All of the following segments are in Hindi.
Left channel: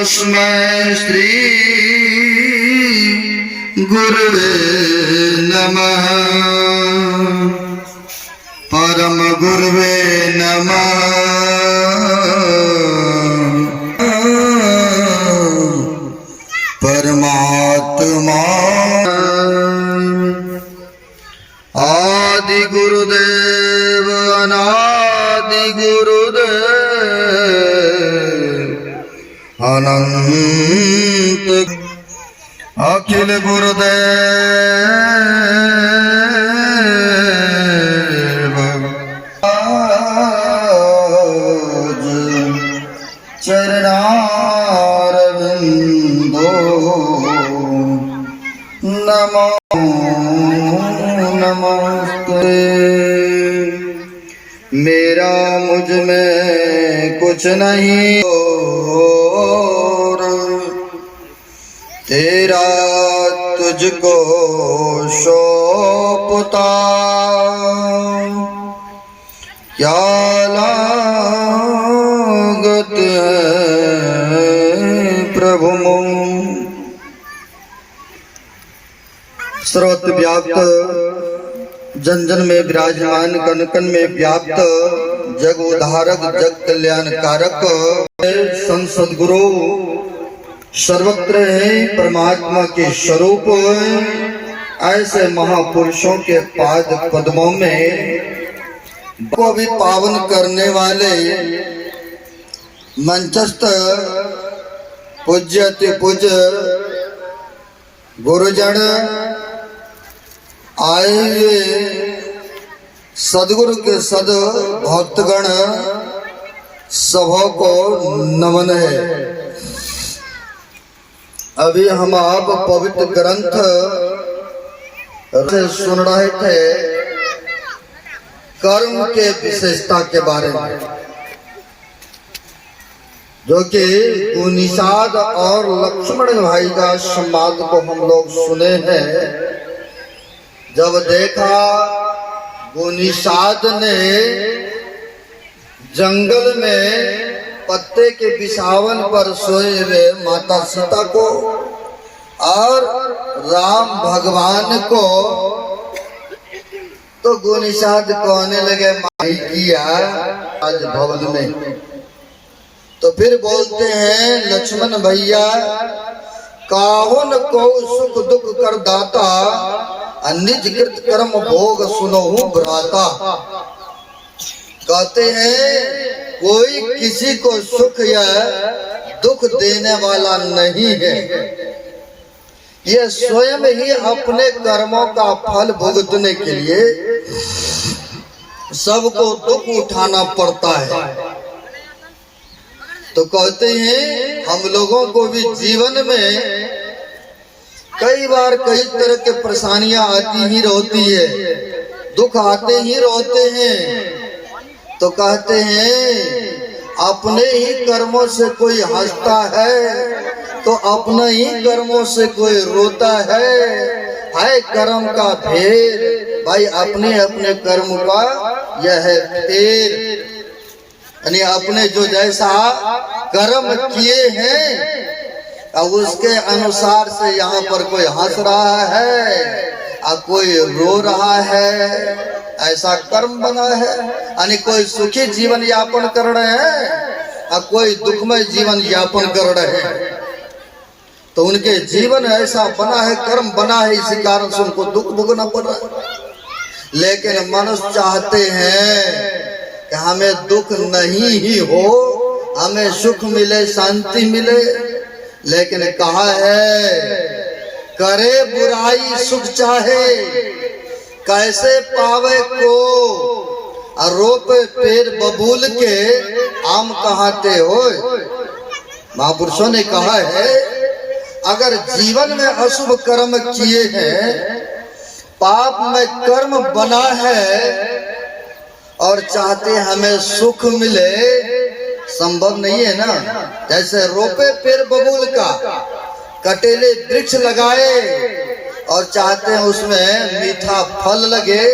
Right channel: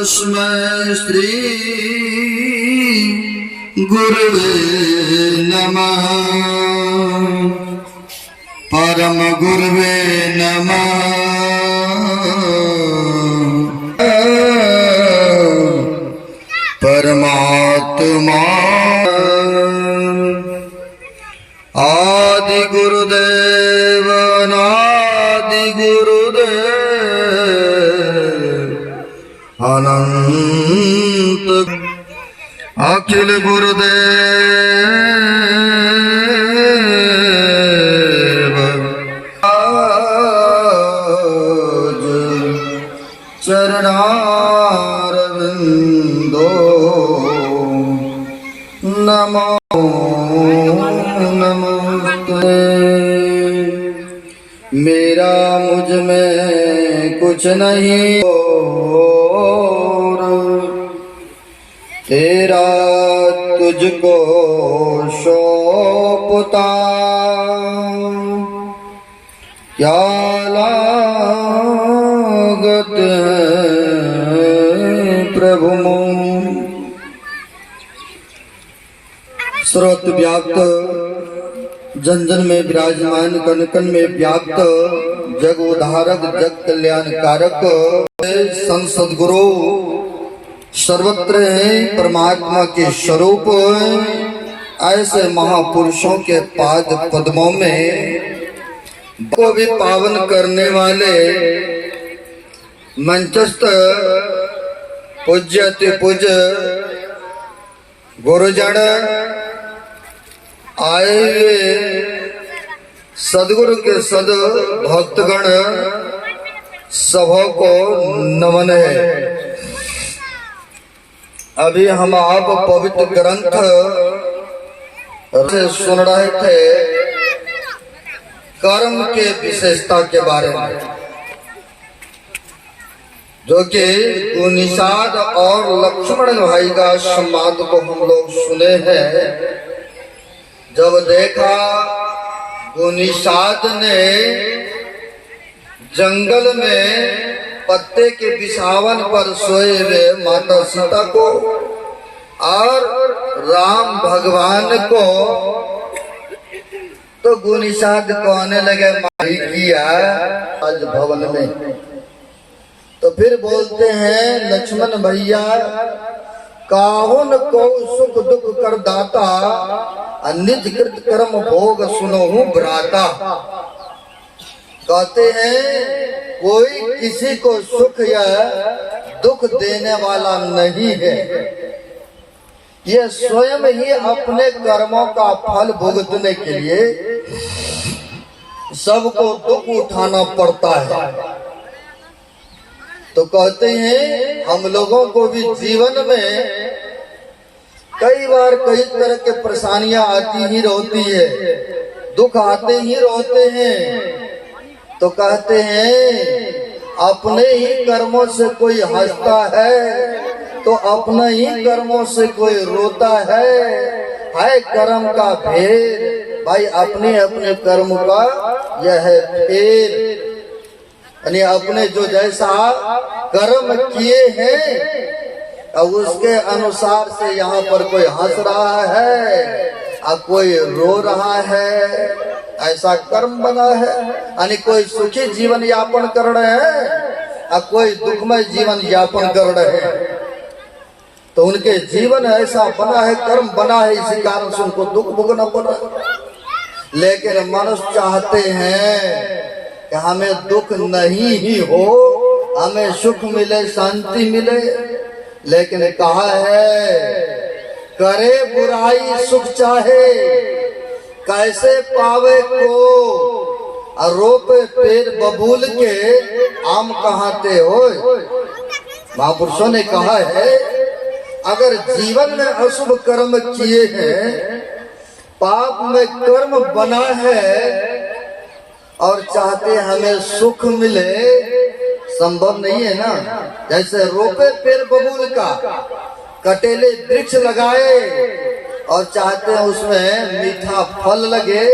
तस्मै श्री गुरुवे नमः। परम गुरुवे नमः। परमात्मा आदि गुरुदेव अनादि गुरुदेव अनंत अखिल गुरुदेव आज चरणारविंदो नमो नमस्ते। मेरा मुझ में कुछ नहीं और तेरा तुझको सौंपता। क्या लागत प्रभु सर्वत्र व्याप्त जन जन में विराजमान कन कन में व्याप्त जग उद्धारक जग कल्याणकारक सदगुरु सर्वत्र है परमात्मा के स्वरूप। ऐसे महापुरुषों के पाद पद्मों में को भी पावन करने वाले मंचस्थ पूज्य अति पूज्य गुरुजन आए हुए सदगुरु के सद भक्तगण सभा को नमन है। अभी हम आप पवित्र ग्रंथ से सुन रहे थे कर्म के विशेषता के बारे में, जो कि निषाद और लक्ष्मण भाई का संवाद को हम लोग सुने हैं। जब देखा निषाद ने जंगल में पत्ते के बिछावन पर सोए हुए माता सीता को और राम भगवान को तो गुनिषाद कहने लगे माही किया आज भवन में। तो फिर बोलते हैं लक्ष्मण भैया काहुन को सुख दुख कर दाता निज कृत कर्म भोग सुनहु भ्राता। कहते हैं कोई किसी को सुख या दुख देने वाला नहीं है, ये स्वयं ही अपने कर्मों का फल भुगतने के लिए सबको दुख उठाना पड़ता है। तो कहते हैं हम लोगों को भी जीवन में कई बार कई तरह के परेशानियां आती ही रहती है, दुख आते ही रहते हैं। तो कहते हैं अपने ही कर्मों से कोई हंसता है तो अपने ही कर्मों से कोई रोता है कर्म का भेद। भाई अपने अपने कर्म का यह है फेर, यानी अपने जो जैसा कर्म किए हैं अब उसके अनुसार से यहाँ पर कोई हंस रहा है और कोई रो रहा है, ऐसा कर्म बना है। यानी कोई सुखी जीवन यापन कर रहे हैं और कोई दुखमय जीवन यापन कर रहे हैं। तो उनके जीवन ऐसा बना है, कर्म बना है, इसी कारण से उनको दुख भोगना पड़ रहा है। लेकिन मनुष्य चाहते हैं कि हमें दुख नहीं ही हो, हमें सुख मिले, शांति मिले। लेकिन कहा है करे बुराई सुख चाहे कैसे पावे को रोपे पेड़ बबूल के आम कहाते हो। महापुरुषों ने कहा है अगर जीवन में अशुभ कर्म किए हैं, पाप में कर्म बना है और चाहते हमें सुख मिले, संभव नहीं है ना। जैसे रोपे पेड़ बबूल का, कटेले वृक्ष लगाए और चाहते हैं उसमें मीठा फल लगे,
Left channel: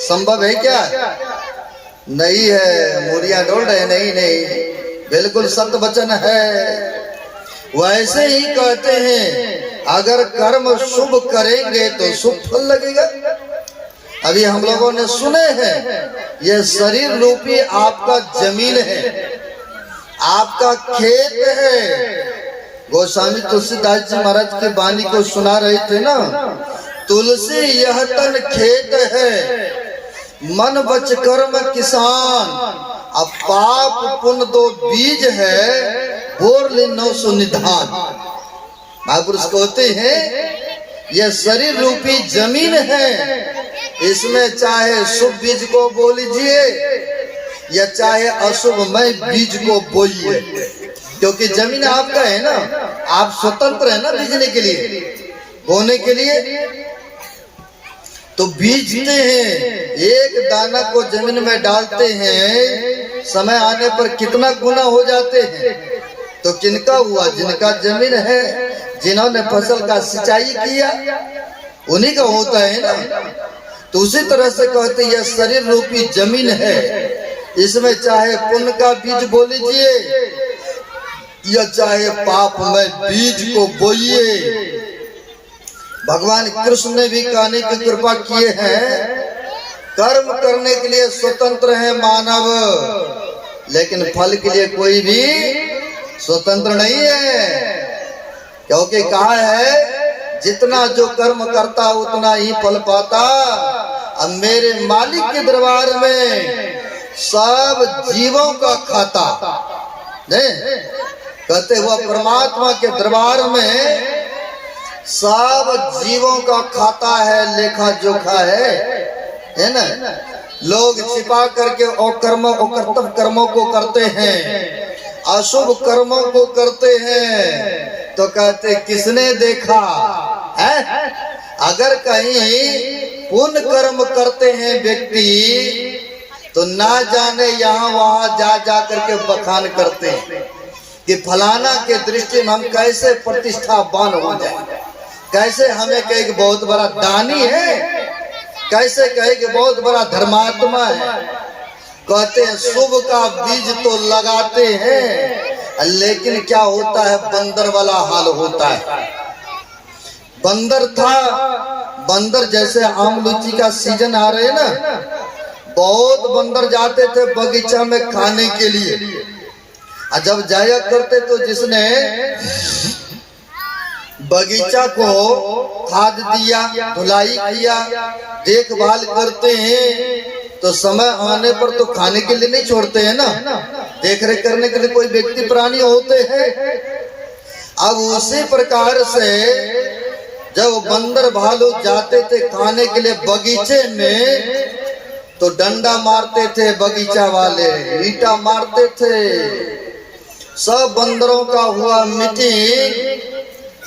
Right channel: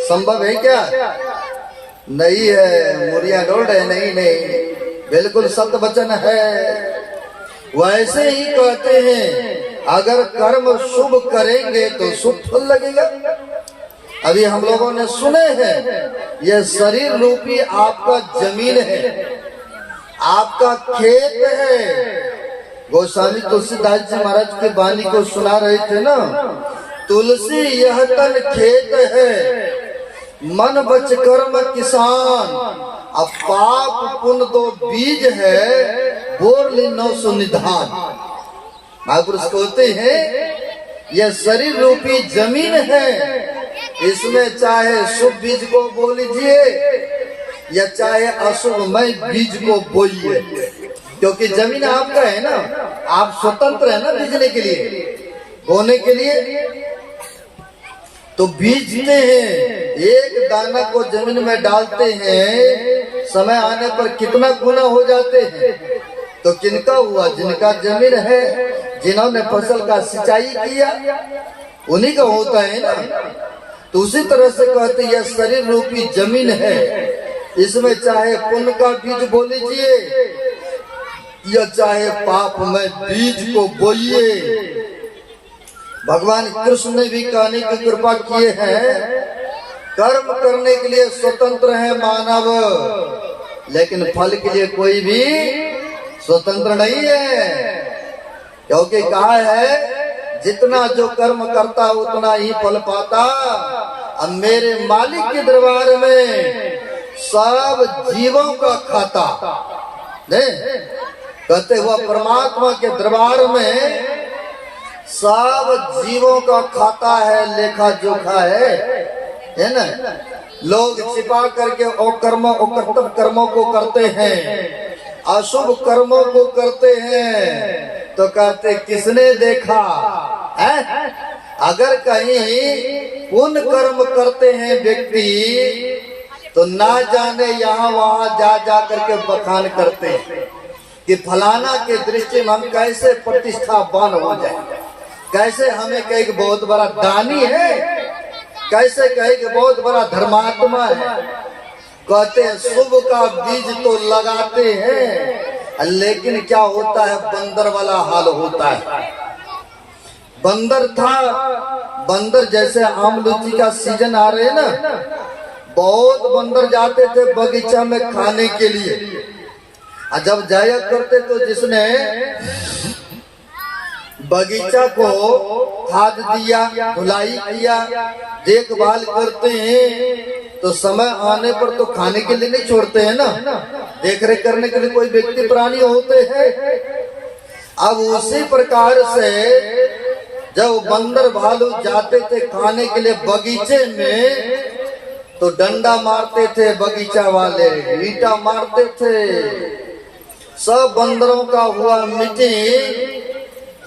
संभव है क्या? नहीं है। मुरिया डोल रहे नहीं, बिल्कुल सत्य वचन है। वैसे ही कहते हैं अगर कर्म शुभ करेंगे तो शुभ फल लगेगा। अभी हम लोगों ने सुने हैं यह शरीर रूपी आपका जमीन है, आपका खेत है। गोस्वामी तुलसीदास जी महाराज की वाणी को सुना रहे थे ना, तुलसी यह तन खेत है, मन बच कर्म किसान, अब पाप पुण्य दो बीज है, बोर ले नौ सुनिधान। महापुरुष कहते हैं यह शरीर रूपी जमीन है, इसमें चाहे शुभ बीज को बो लीजिए या चाहे अशुभमय बीज को बोइए, क्योंकि जमीन आपका है ना, आप स्वतंत्र है ना बीजने के लिए, बोने के लिए। तो बीजते हैं, एक दाना को जमीन में डालते हैं, समय आने पर कितना गुना हो जाते हैं। तो किनका हुआ? जिनका जमीन है, जिन्होंने फसल का सिंचाई किया, उन्हीं का होता है ना। तो उसी तरह से कहते यह शरीर रूपी जमीन है, इसमें चाहे पुण्य का बीज बो लीजिए या चाहे पाप में बीज को बोइए। भगवान कृष्ण ने भी कहने की कृपा किए हैं, कर्म करने के लिए स्वतंत्र है मानव, लेकिन फल के लिए कोई भी स्वतंत्र नहीं है। क्योंकि कहा है जितना जो कर्म करता उतना ही फल पाता। अब मेरे मालिक के दरबार में सब जीवों का खाता नहीं, कहते हुआ परमात्मा के दरबार में सब जीवों का खाता है, लेखा जोखा है ना। लोग छिपा करके अकर्म अकर्तव्य कर्मों को करते हैं, अशुभ कर्मों को करते हैं, तो कहते किसने देखा है? अगर कहीं पुण्य कर्म करते हैं व्यक्ति, तो ना जाने यहाँ वहां जा जा करके बखान करते हैं कि फलाना के दृष्टि में हम कैसे प्रतिष्ठावान हो जाए, कैसे हमें कहे कि बहुत बड़ा दानी है, कैसे कहे कि बहुत बड़ा धर्मात्मा है। कहते हैं शुभ का बीज तो लगाते हैं, लेकिन क्या होता है? बंदर वाला हाल होता है। बंदर था, बंदर जैसे आम लीची का सीजन आ रहे ना, बहुत बंदर जाते थे बगीचा में खाने के लिए। जब जाया करते तो जिसने बगीचा को खाद दिया, धुलाई किया, देखभाल करते हैं, तो समय आने पर तो खाने के लिए नहीं छोड़ते हैं ना, देख रेख करने के लिए कोई व्यक्ति प्राणी होते हैं। अब उसी प्रकार से जब बंदर भालू जाते थे खाने के लिए बगीचे में, तो डंडा मारते थे बगीचा वाले, ईंटा मारते थे। सब बंदरों का हुआ मीटिंग,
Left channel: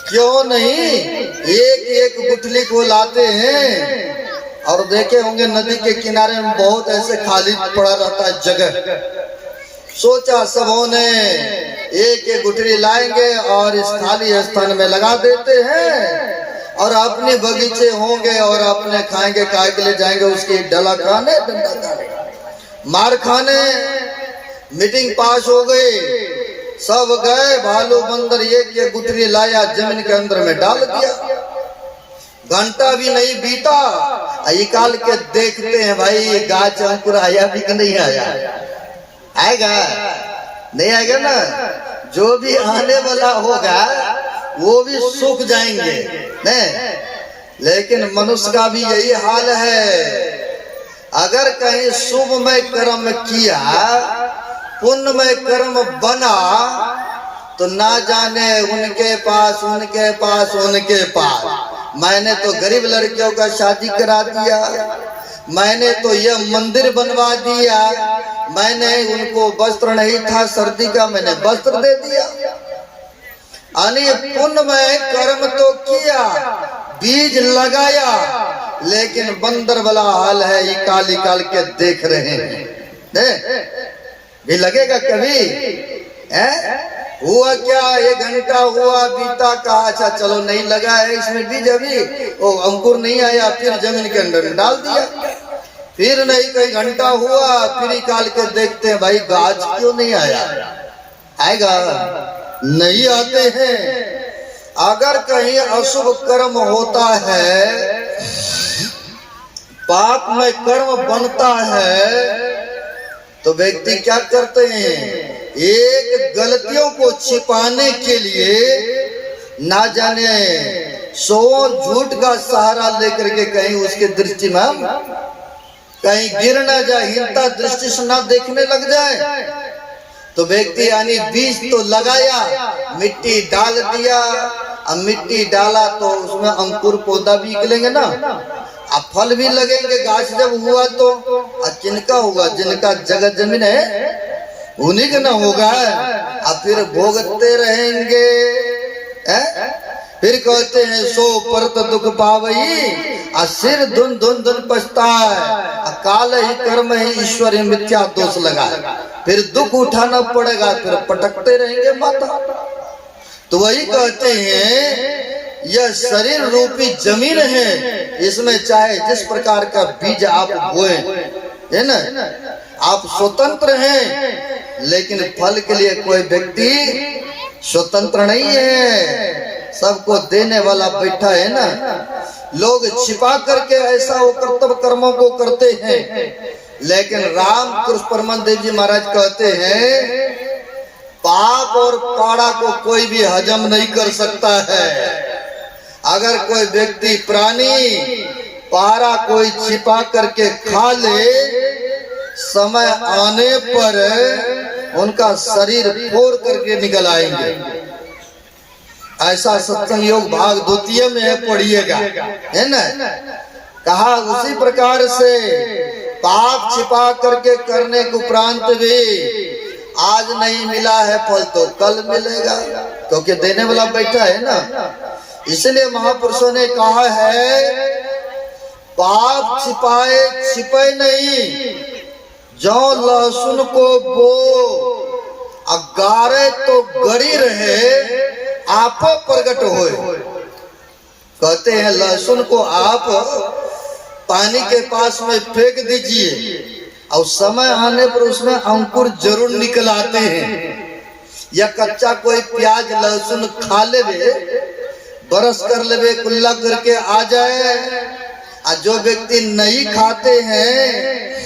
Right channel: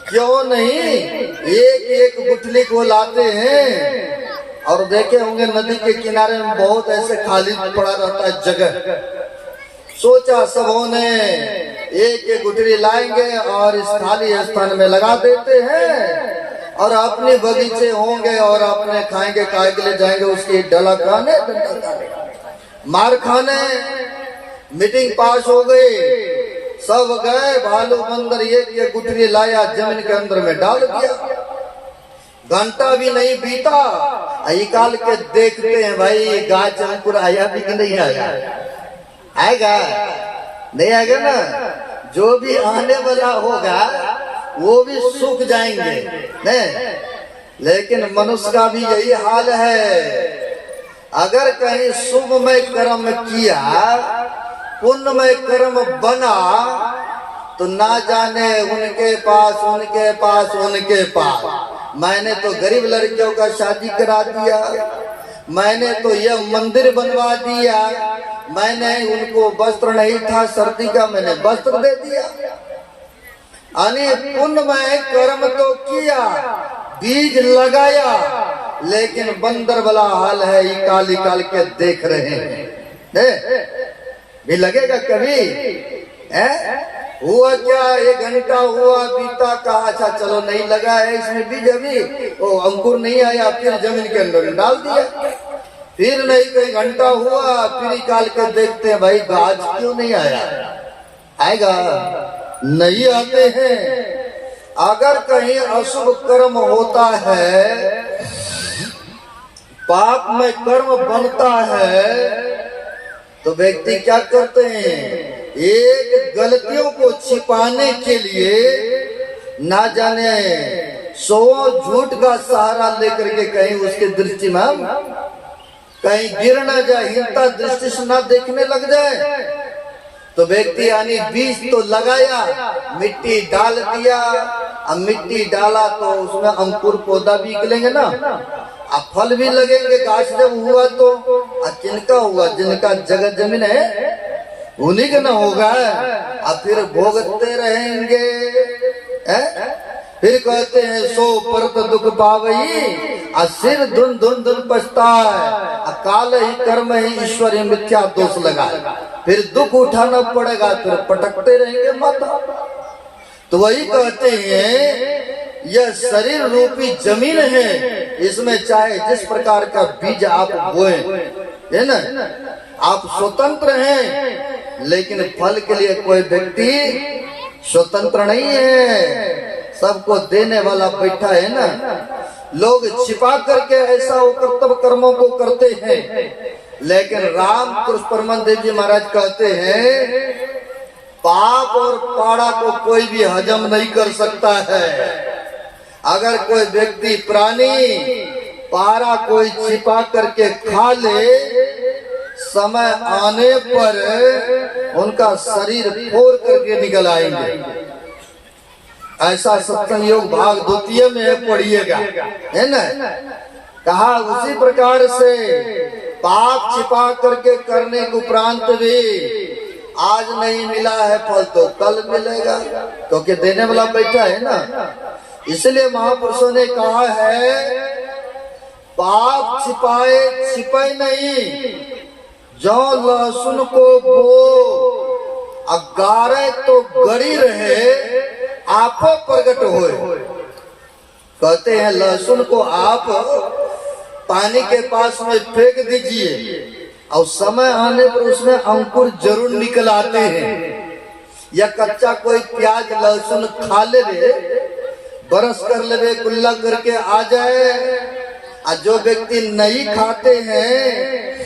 क्यों नहीं एक एक गुठली को लाते हैं। और देखे होंगे नदी के किनारे में बहुत ऐसे खाली पड़ा रहता है जगह। सोचा सबों ने एक एक गुठली लाएंगे और इस खाली स्थान में लगा देते हैं, और अपने बगीचे होंगे और अपने खाएंगे, काय के लिए जाएंगे उसकी डला खाने, डंडा खाने, मार खाने। मीटिंग पास हो गई, सब गए, भालू बंदर एक गुठली लाया, जमीन के अंदर में डाल दिया। घंटा भी नहीं बीता, निकाल के देखते हैं भाई गाछ अंकुर आया भी कि नहीं आया। आएगा नहीं आएगा ना, जो भी आने वाला होगा वो भी सूख जाएंगे नहीं। लेकिन मनुष्य का भी यही हाल है, अगर कहीं शुभ में कर्म किया, पुण्य में कर्म बना, तो ना जाने उनके पास उनके पास उनके पास। मैंने तो गरीब लड़कियों का शादी करा दिया, मैंने तो यह मंदिर बनवा दिया, मैंने उनको वस्त्र नहीं था सर्दी का, मैंने वस्त्र दे दिया। अने पुण्य में कर्म तो किया, बीज लगाया, लेकिन बंदर वाला हाल है, इकाल इकाल के देख रहे हैं। भी लगेगा कभी हुआ क्या? 1 घंटा हुआ बीता, कहा अच्छा चलो नहीं लगा है इसमें बीज, अभी वो अंकुर नहीं आया, फिर जमीन के अंदर डाल दिया। फिर नहीं कई घंटा हुआ, फिर निकाल के देखते हैं भाई गाछ क्यों नहीं आया। आएगा नहीं आते हैं। अगर कहीं अशुभ कर्म होता है, पाप में कर्म बनता है, तो व्यक्ति क्या करते हैं, एक गलतियों को छिपाने के लिए ना जाने 100 झूठ का सहारा लेकर के कहीं उसके दृष्टि में कहीं गिर ना जाए, हिंता दृष्टि से ना देखने लग जाए, तो व्यक्ति यानी बीज तो लगाया, मिट्टी डाल दिया, अब मिट्टी डाला तो उसमें अंकुर पौधा भी निकलेंगे ना, अब फल भी लगेंगे। गाछ जब हुआ तो जिनका हुआ, जिनका जगह जमीन है उन्हीं का ना होगा, अब फिर भोगते रहेंगे। फिर कहते हैं 100 परत दुख पावई, सिर धुन धुन धुन पछताए, काल ही कर्म ही ईश्वर ही मिथ्या दोष लगा, फिर दुख उठाना पड़ेगा, फिर पटकते रहेंगे माता। तो वही कहते हैं यह शरीर रूपी जमीन है, इसमें चाहे जिस प्रकार का बीज आप बोए, है ना, आप स्वतंत्र हैं, लेकिन फल के लिए कोई व्यक्ति स्वतंत्र नहीं है, सबको देने वाला बैठा है ना। लोग छिपा करके ऐसा वो कर्तव्य कर्मों को करते हैं, लेकिन राम कृष्ण परमदेव जी महाराज कहते हैं पाप और पाड़ा को कोई भी हजम नहीं कर सकता है। अगर कोई व्यक्ति प्राणी पारा कोई छिपा करके खा ले, समय आने पर उनका शरीर फोड़ करके निकल आएंगे। ऐसा सत्संग योग भाग 2 में है, पढ़िएगा, है ना। कहा उसी प्रकार से पाप छिपा करके करने के उपरांत भी आज नहीं मिला है फल तो कल मिलेगा, क्योंकि देने वाला बैठा है ना। इसलिए महापुरुषों ने कहा है पाप छिपाए छिपाए नहीं, जो लहसुन को बो अगारे तो गड़ी रहे, आप प्रकट होए। कहते हैं लहसुन को आप पानी के पास में फेंक दीजिए और समय आने पर उसमें अंकुर जरूर निकल आते हैं। या कच्चा कोई प्याज लहसुन खा लेवे, बरस कर लेवे, कुल्ला करके आ जाए, और जो व्यक्ति नहीं खाते हैं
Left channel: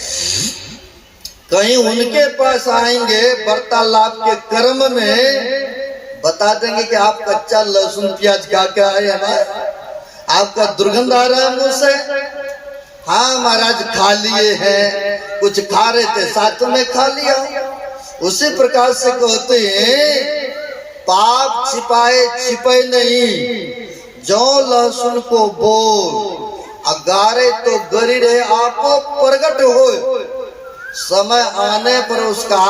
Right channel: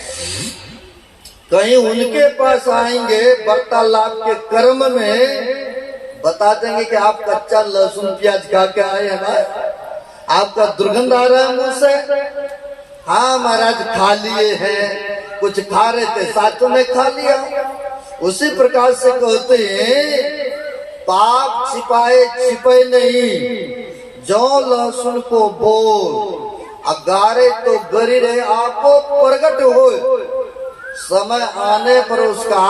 कहीं उनके पास आएंगे, वार्तालाप के क्रम में बता देंगे कि आप कच्चा लहसुन प्याज खा के आए हैं, आपका दुर्गंध आ रहा है मुंह से। हाँ महाराज खा लिए हैं, कुछ खा रहे थे साथ में खा लिया। उसी प्रकार से कहते हैं पाप छिपाए छिपे नहीं, जो लहसुन को बोल अगारे तो गरी रहे, आप प्रकट हो, समय आने पर उसका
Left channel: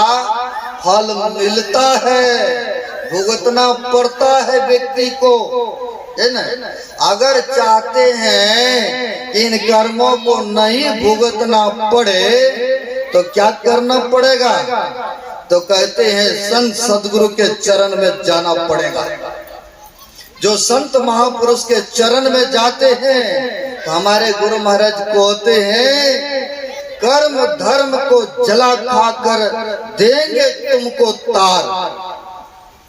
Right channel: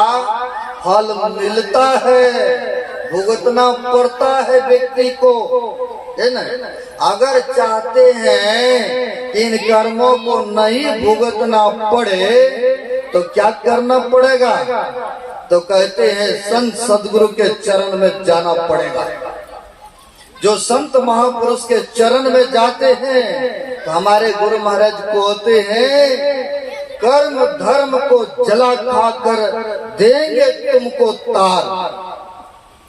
फल मिलता है, भुगतना पड़ता है व्यक्ति को, है ना। अगर चाहते हैं इन कर्मों को नहीं भुगतना पड़े तो क्या करना पड़ेगा, तो कहते हैं संत सदगुरु के चरण में जाना पड़ेगा। जो संत महापुरुष के चरण में जाते हैं तो हमारे गुरु महाराज कहते हैं कर्म धर्म को जला खाकर देंगे तुमको तार।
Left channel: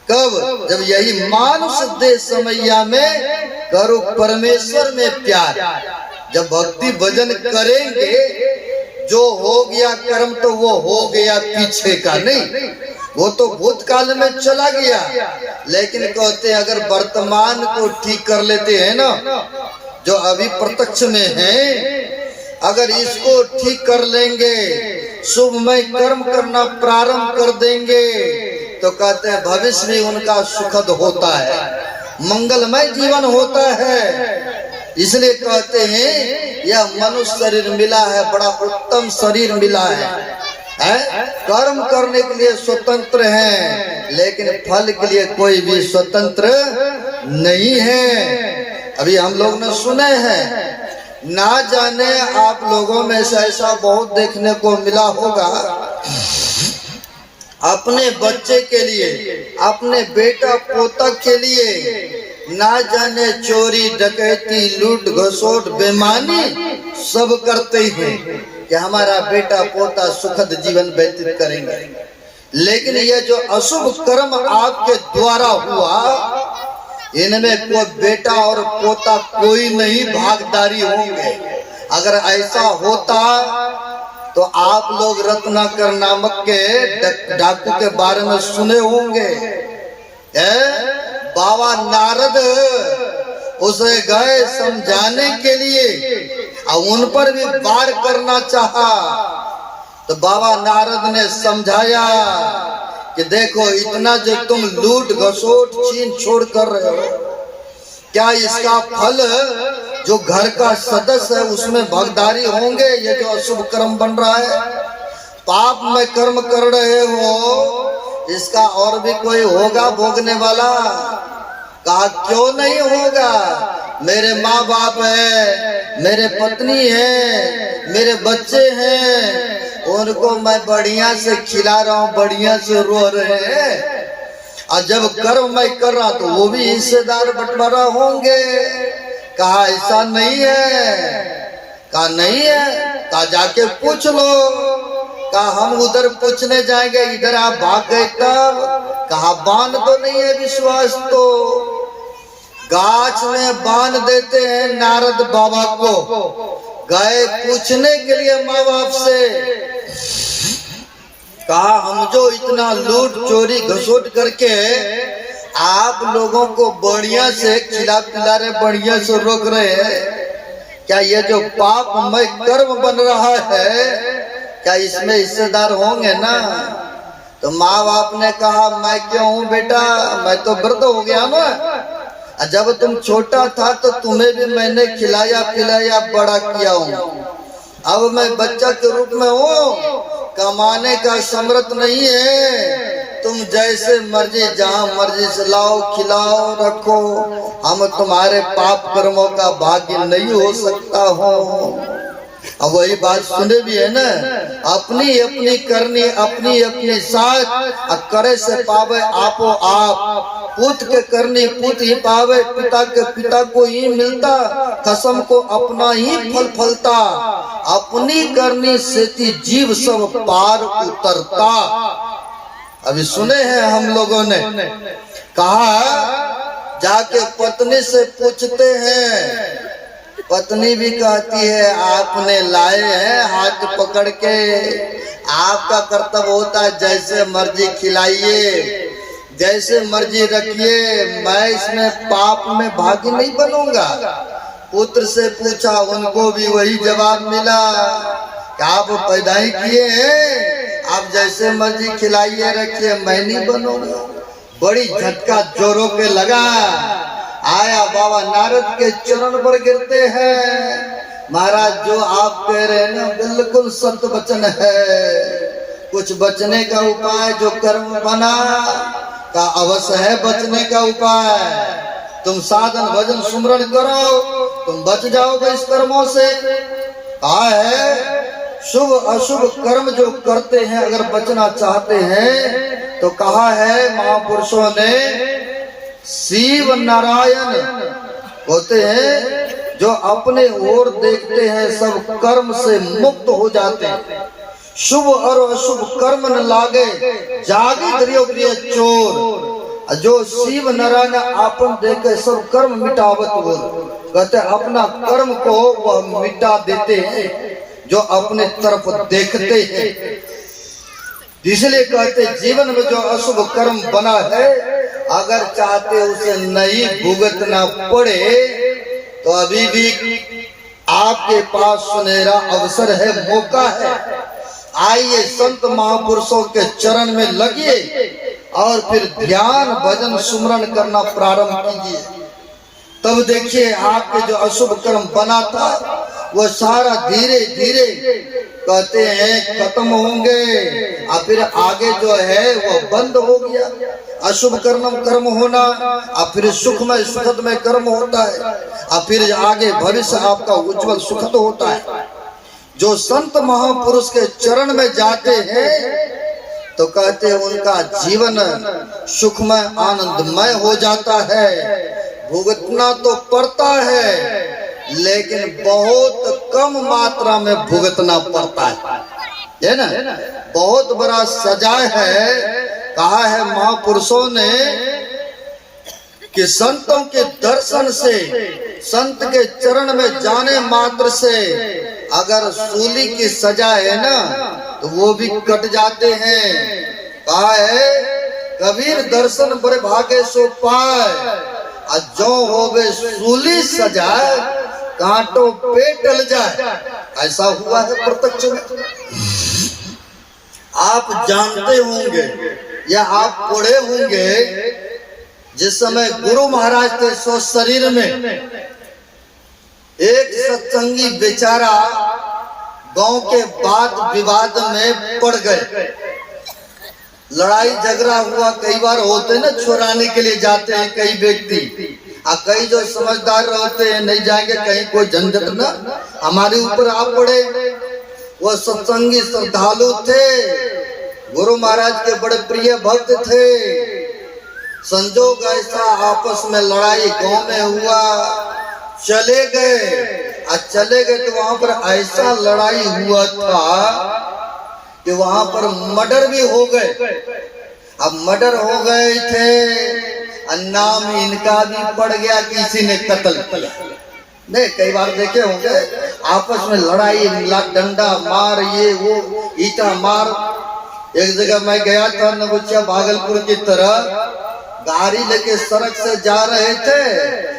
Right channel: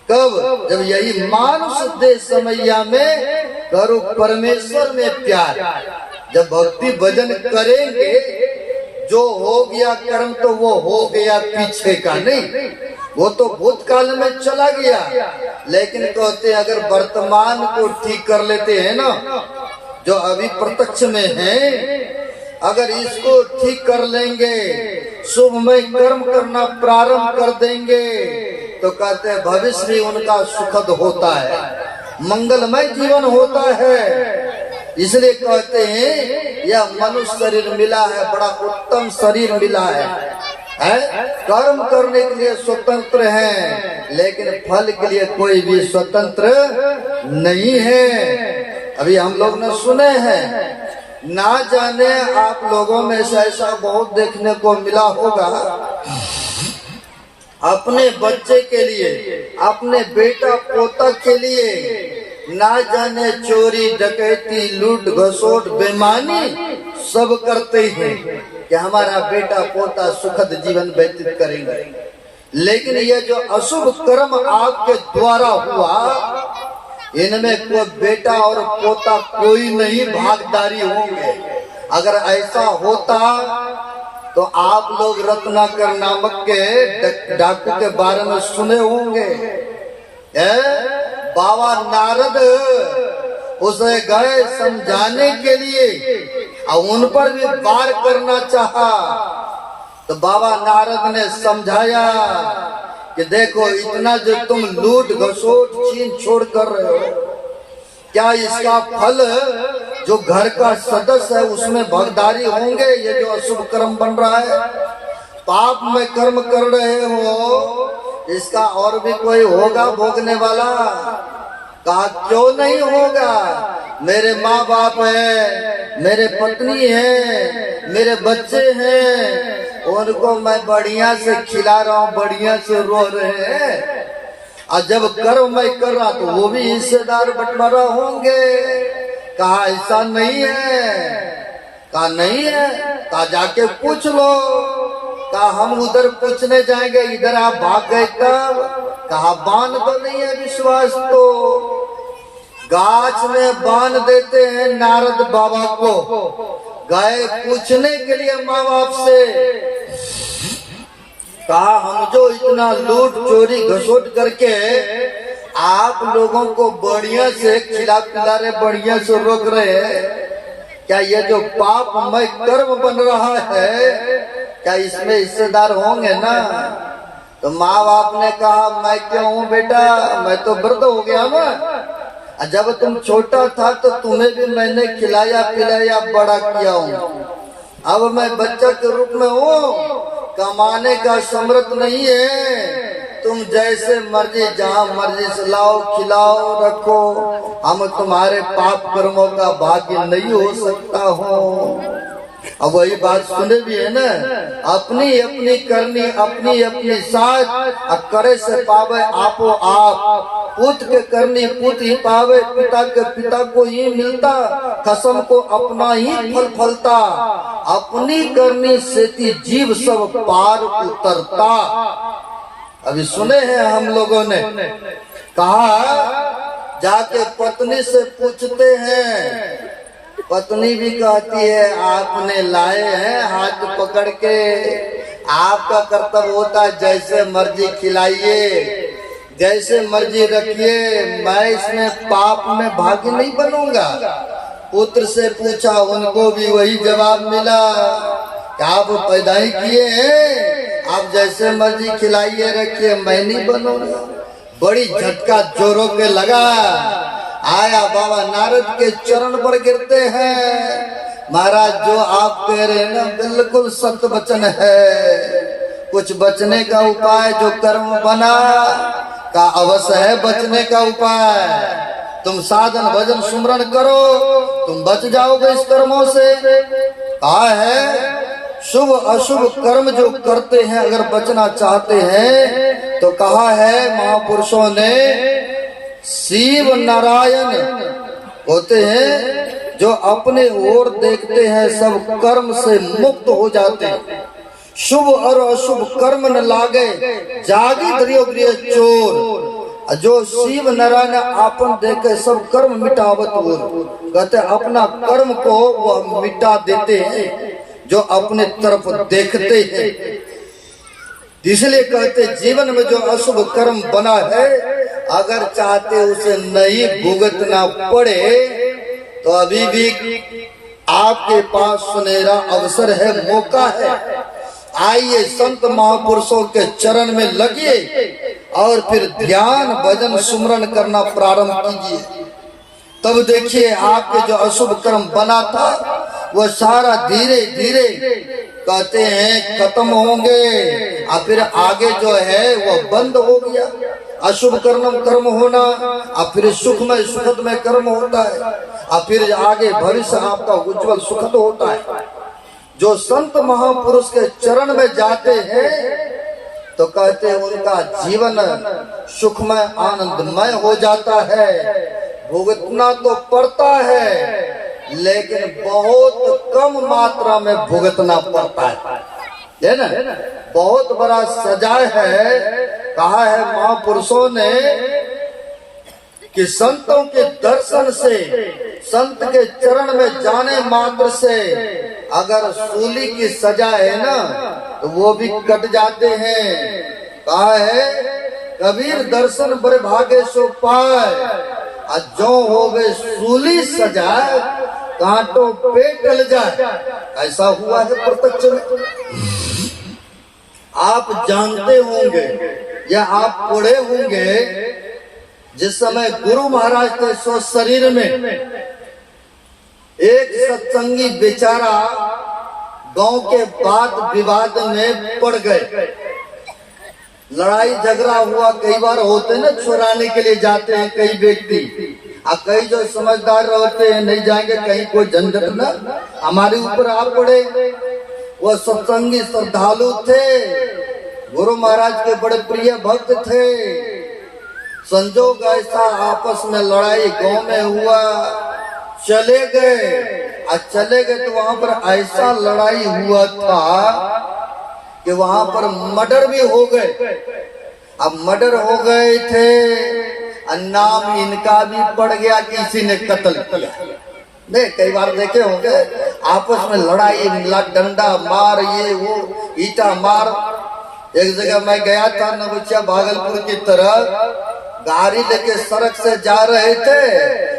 कब? जब यही मानुष दे समैया में करो परमेश्वर में प्यार। जब भक्ति भजन करेंगे, जो हो गया कर्म तो वो हो गया, पीछे का नहीं, वो तो भूतकाल में चला गया। लेकिन कहते अगर वर्तमान को ठीक कर लेते हैं ना, जो अभी प्रत्यक्ष में है, अगर इसको ठीक कर लेंगे, शुभमय कर्म करना प्रारंभ कर देंगे, तो कहते हैं भविष्य भी उनका सुखद होता है, मंगलमय जीवन होता है। इसलिए कहते हैं यह मनुष्य शरीर मिला है, बड़ा उत्तम शरीर मिला है। कर्म करने के लिए स्वतंत्र हैं, लेकिन फल के लिए कोई भी स्वतंत्र नहीं है। अभी हम लोग ने सुने हैं, ना जाने आप लोगों में से ऐसा बहुत देखने को मिला होगा, अपने बच्चे के लिए, अपने बेटा पोता के लिए ना जाने चोरी डकैती लूट घसोट बेईमानी सब करते हैं कि हमारा बेटा पोता सुखद जीवन व्यतीत करेंगे। लेकिन ये जो अशुभ कर्म आपके द्वारा हुआ, इनमें कोई बेटा और पोता कोई नहीं भागीदारी होंगे। अगर ऐसा होता तो आप लोग रत्नाकर नामक के डाकू के बारे में सुने होंगे। बाबा नारद उसे गए समझाने के लिए और उन पर भी वार करना चाहा, तो बाबा नारद ने समझाया कि देखो इतना जो तुम लूट घसोट छीन छोड़ कर रहे हो, क्या इसका फल जो घर का सदस्य है उसमें भागीदारी होंगे? ये जो अशुभ कर्म बन रहा है, पाप में कर्म कर रहे हो, इसका और भी कोई होगा भोगने वाला? कहा क्यों नहीं होगा, मेरे माँ बाप है, मेरे पत्नी है, मेरे बच्चे हैं, उनको मैं बढ़िया से खिला रहा हूँ, बढ़िया से रो रहे हैं, और जब कर्म मैं कर रहा तो वो भी हिस्सेदार बंटवारा होंगे। कहा ऐसा नहीं है। कहा नहीं है। कहा जाके पूछ लो। कहा हम उधर पूछने जाएंगे, इधर आप भाग गए तब? कहा बांध तो नहीं है विश्वास, तो गाछ में बांध देते हैं नारद बाबा को। गए पूछने के लिए माँ बाप से, कहा हम जो इतना लूट चोरी घसोट करके आप लोगों को बढ़िया से खिला पिला रहे, बढ़िया से रोक रहे हैं, क्या ये जो पापमय कर्म बन रहा है, क्या इसमें हिस्सेदार होंगे ना? तो माँ बाप ने कहा मैं क्यों हूँ बेटा, मैं तो वृद्ध हो गया ना। जब तुम छोटा था तो तुम्हें भी मैंने खिलाया पिलाया बड़ा किया हूँ, अब मैं बच्चा के रूप में हूँ, कमाने का समर्थ नहीं है, तुम जैसे मर्जी जहाँ मर्जी से लाओ खिलाओ रखो, हम तुम्हारे पाप कर्मों का भाग्य नहीं हो सकता हूँ। अब वही बात सुने भी है ना, अपनी अपनी करनी अपनी अपनी साथ, करे से पावे आपो आप, पुत के करनी पुत ही पावे, पिता के पिता को ही मिलता, कसम को अपना ही फल फलता, अपनी करनी से जीव सब पार उतरता। अभी सुने हैं हम लोगों ने। कहा जाके पत्नी से पूछते हैं, पत्नी भी कहती है आपने लाए हैं हाथ पकड़ के, आपका कर्तव्य होता है जैसे मर्जी खिलाइए, जैसे मर्जी रखिए, मैं इसमें पाप में भागी नहीं बनूंगा। पुत्र से पूछा, उनको भी वही जवाब मिला कि आप पैदा ही किए हैं, आप जैसे मर्जी खिलाइए रखिए, मैं नहीं बनूंगा। बड़ी झटका जोरों के लगा। आया बाबा नारद के चरण पर गिरते हैं, महाराज जो आप कह रहे हैं ना बिल्कुल सत्य वचन है, कुछ बचने का उपाय जो कर्म बना का अवश्य है बचने का उपाय, तुम साधन भजन सुमरण करो, तुम बच जाओगे इस कर्मों से। कहा है शुभ अशुभ कर्म जो करते हैं अगर बचना चाहते हैं तो कहा है महापुरुषों ने, शिव नारायण होते हैं जो अपने ओर देखते हैं सब कर्म से मुक्त हो जाते हैं, शुभ और अशुभ कर्म न लागे जागी दरियो प्रिय चोर, जो शिव नारायण आपन देखे सब कर्म मिटावत हो, कहते अपना कर्म को वह मिटा देते हैं जो अपने तरफ देखते हैं। इसलिए कहते जीवन में जो अशुभ कर्म बना है अगर चाहते उसे नहीं भुगतना पड़े तो अभी भी आपके पास सुनहरा अवसर है, मौका है। आइए संत महापुरुषों के चरण में लगिए और फिर ध्यान भजन सुमरण करना प्रारंभ कीजिए, तब देखिए आपके जो अशुभ कर्म बना था वो सारा धीरे धीरे कहते हैं खत्म होंगे, और फिर आगे जो है वो बंद हो गया। अशुभ कर्म होना और फिर सुखमय सुखदमय कर्म होता है, और फिर आगे भविष्य आपका उज्जवल सुखद होता है। जो संत महापुरुष के चरण में जाते हैं तो कहते हैं उनका जीवन सुखमय आनंदमय हो जाता है। भुगतना तो पड़ता है लेकिन बहुत कम मात्रा में भुगतना पड़ता है। है ना, बहुत बड़ा सजा है। कहा है महापुरुषों ने कि संतों के दर्शन से, संत के चरण में जाने मात्र से अगर सूली की सजा है ना तो वो भी कट जाते हैं। कहा है कबीर दर्शन बड़े भागे सो पाए, जो हो गए सूली सजा कांटों पे टल जाए। ऐसा हुआ है प्रत्यक्ष में। आप जानते होंगे या आप पढ़े होंगे, जिस समय गुरु महाराज थे सो शरीर में एक सत्संगी बेचारा गांव के वाद विवाद में पड़ गए। लड़ाई झगड़ा हुआ, कई बार होते ना, छुड़ाने के लिए जाते हैं कई व्यक्ति, और कई जो समझदार रहते हैं नहीं जाएंगे कहीं कोई झंझट ना हमारे ऊपर आ पड़े। वो सत्संगी श्रद्धालु थे, गुरु महाराज के बड़े प्रिय भक्त थे। संजोग ऐसा आपस में लड़ाई गांव में हुआ, चले गए तो वहां पर ऐसा लड़ाई हुआ था कि वहां पर मर्डर भी हो गए। अब मर्डर हो गए थे और नाम इनका भी पड़ गया, किसी ने कत्ल किया। नहीं, कई बार देखे होंगे आपस में लड़ाई, डंडा मार, ये वो ईटा मार। एक जगह मैं गया था नवुचिया भागलपुर की तरफ, गाड़ी लेके सड़क से जा रहे थे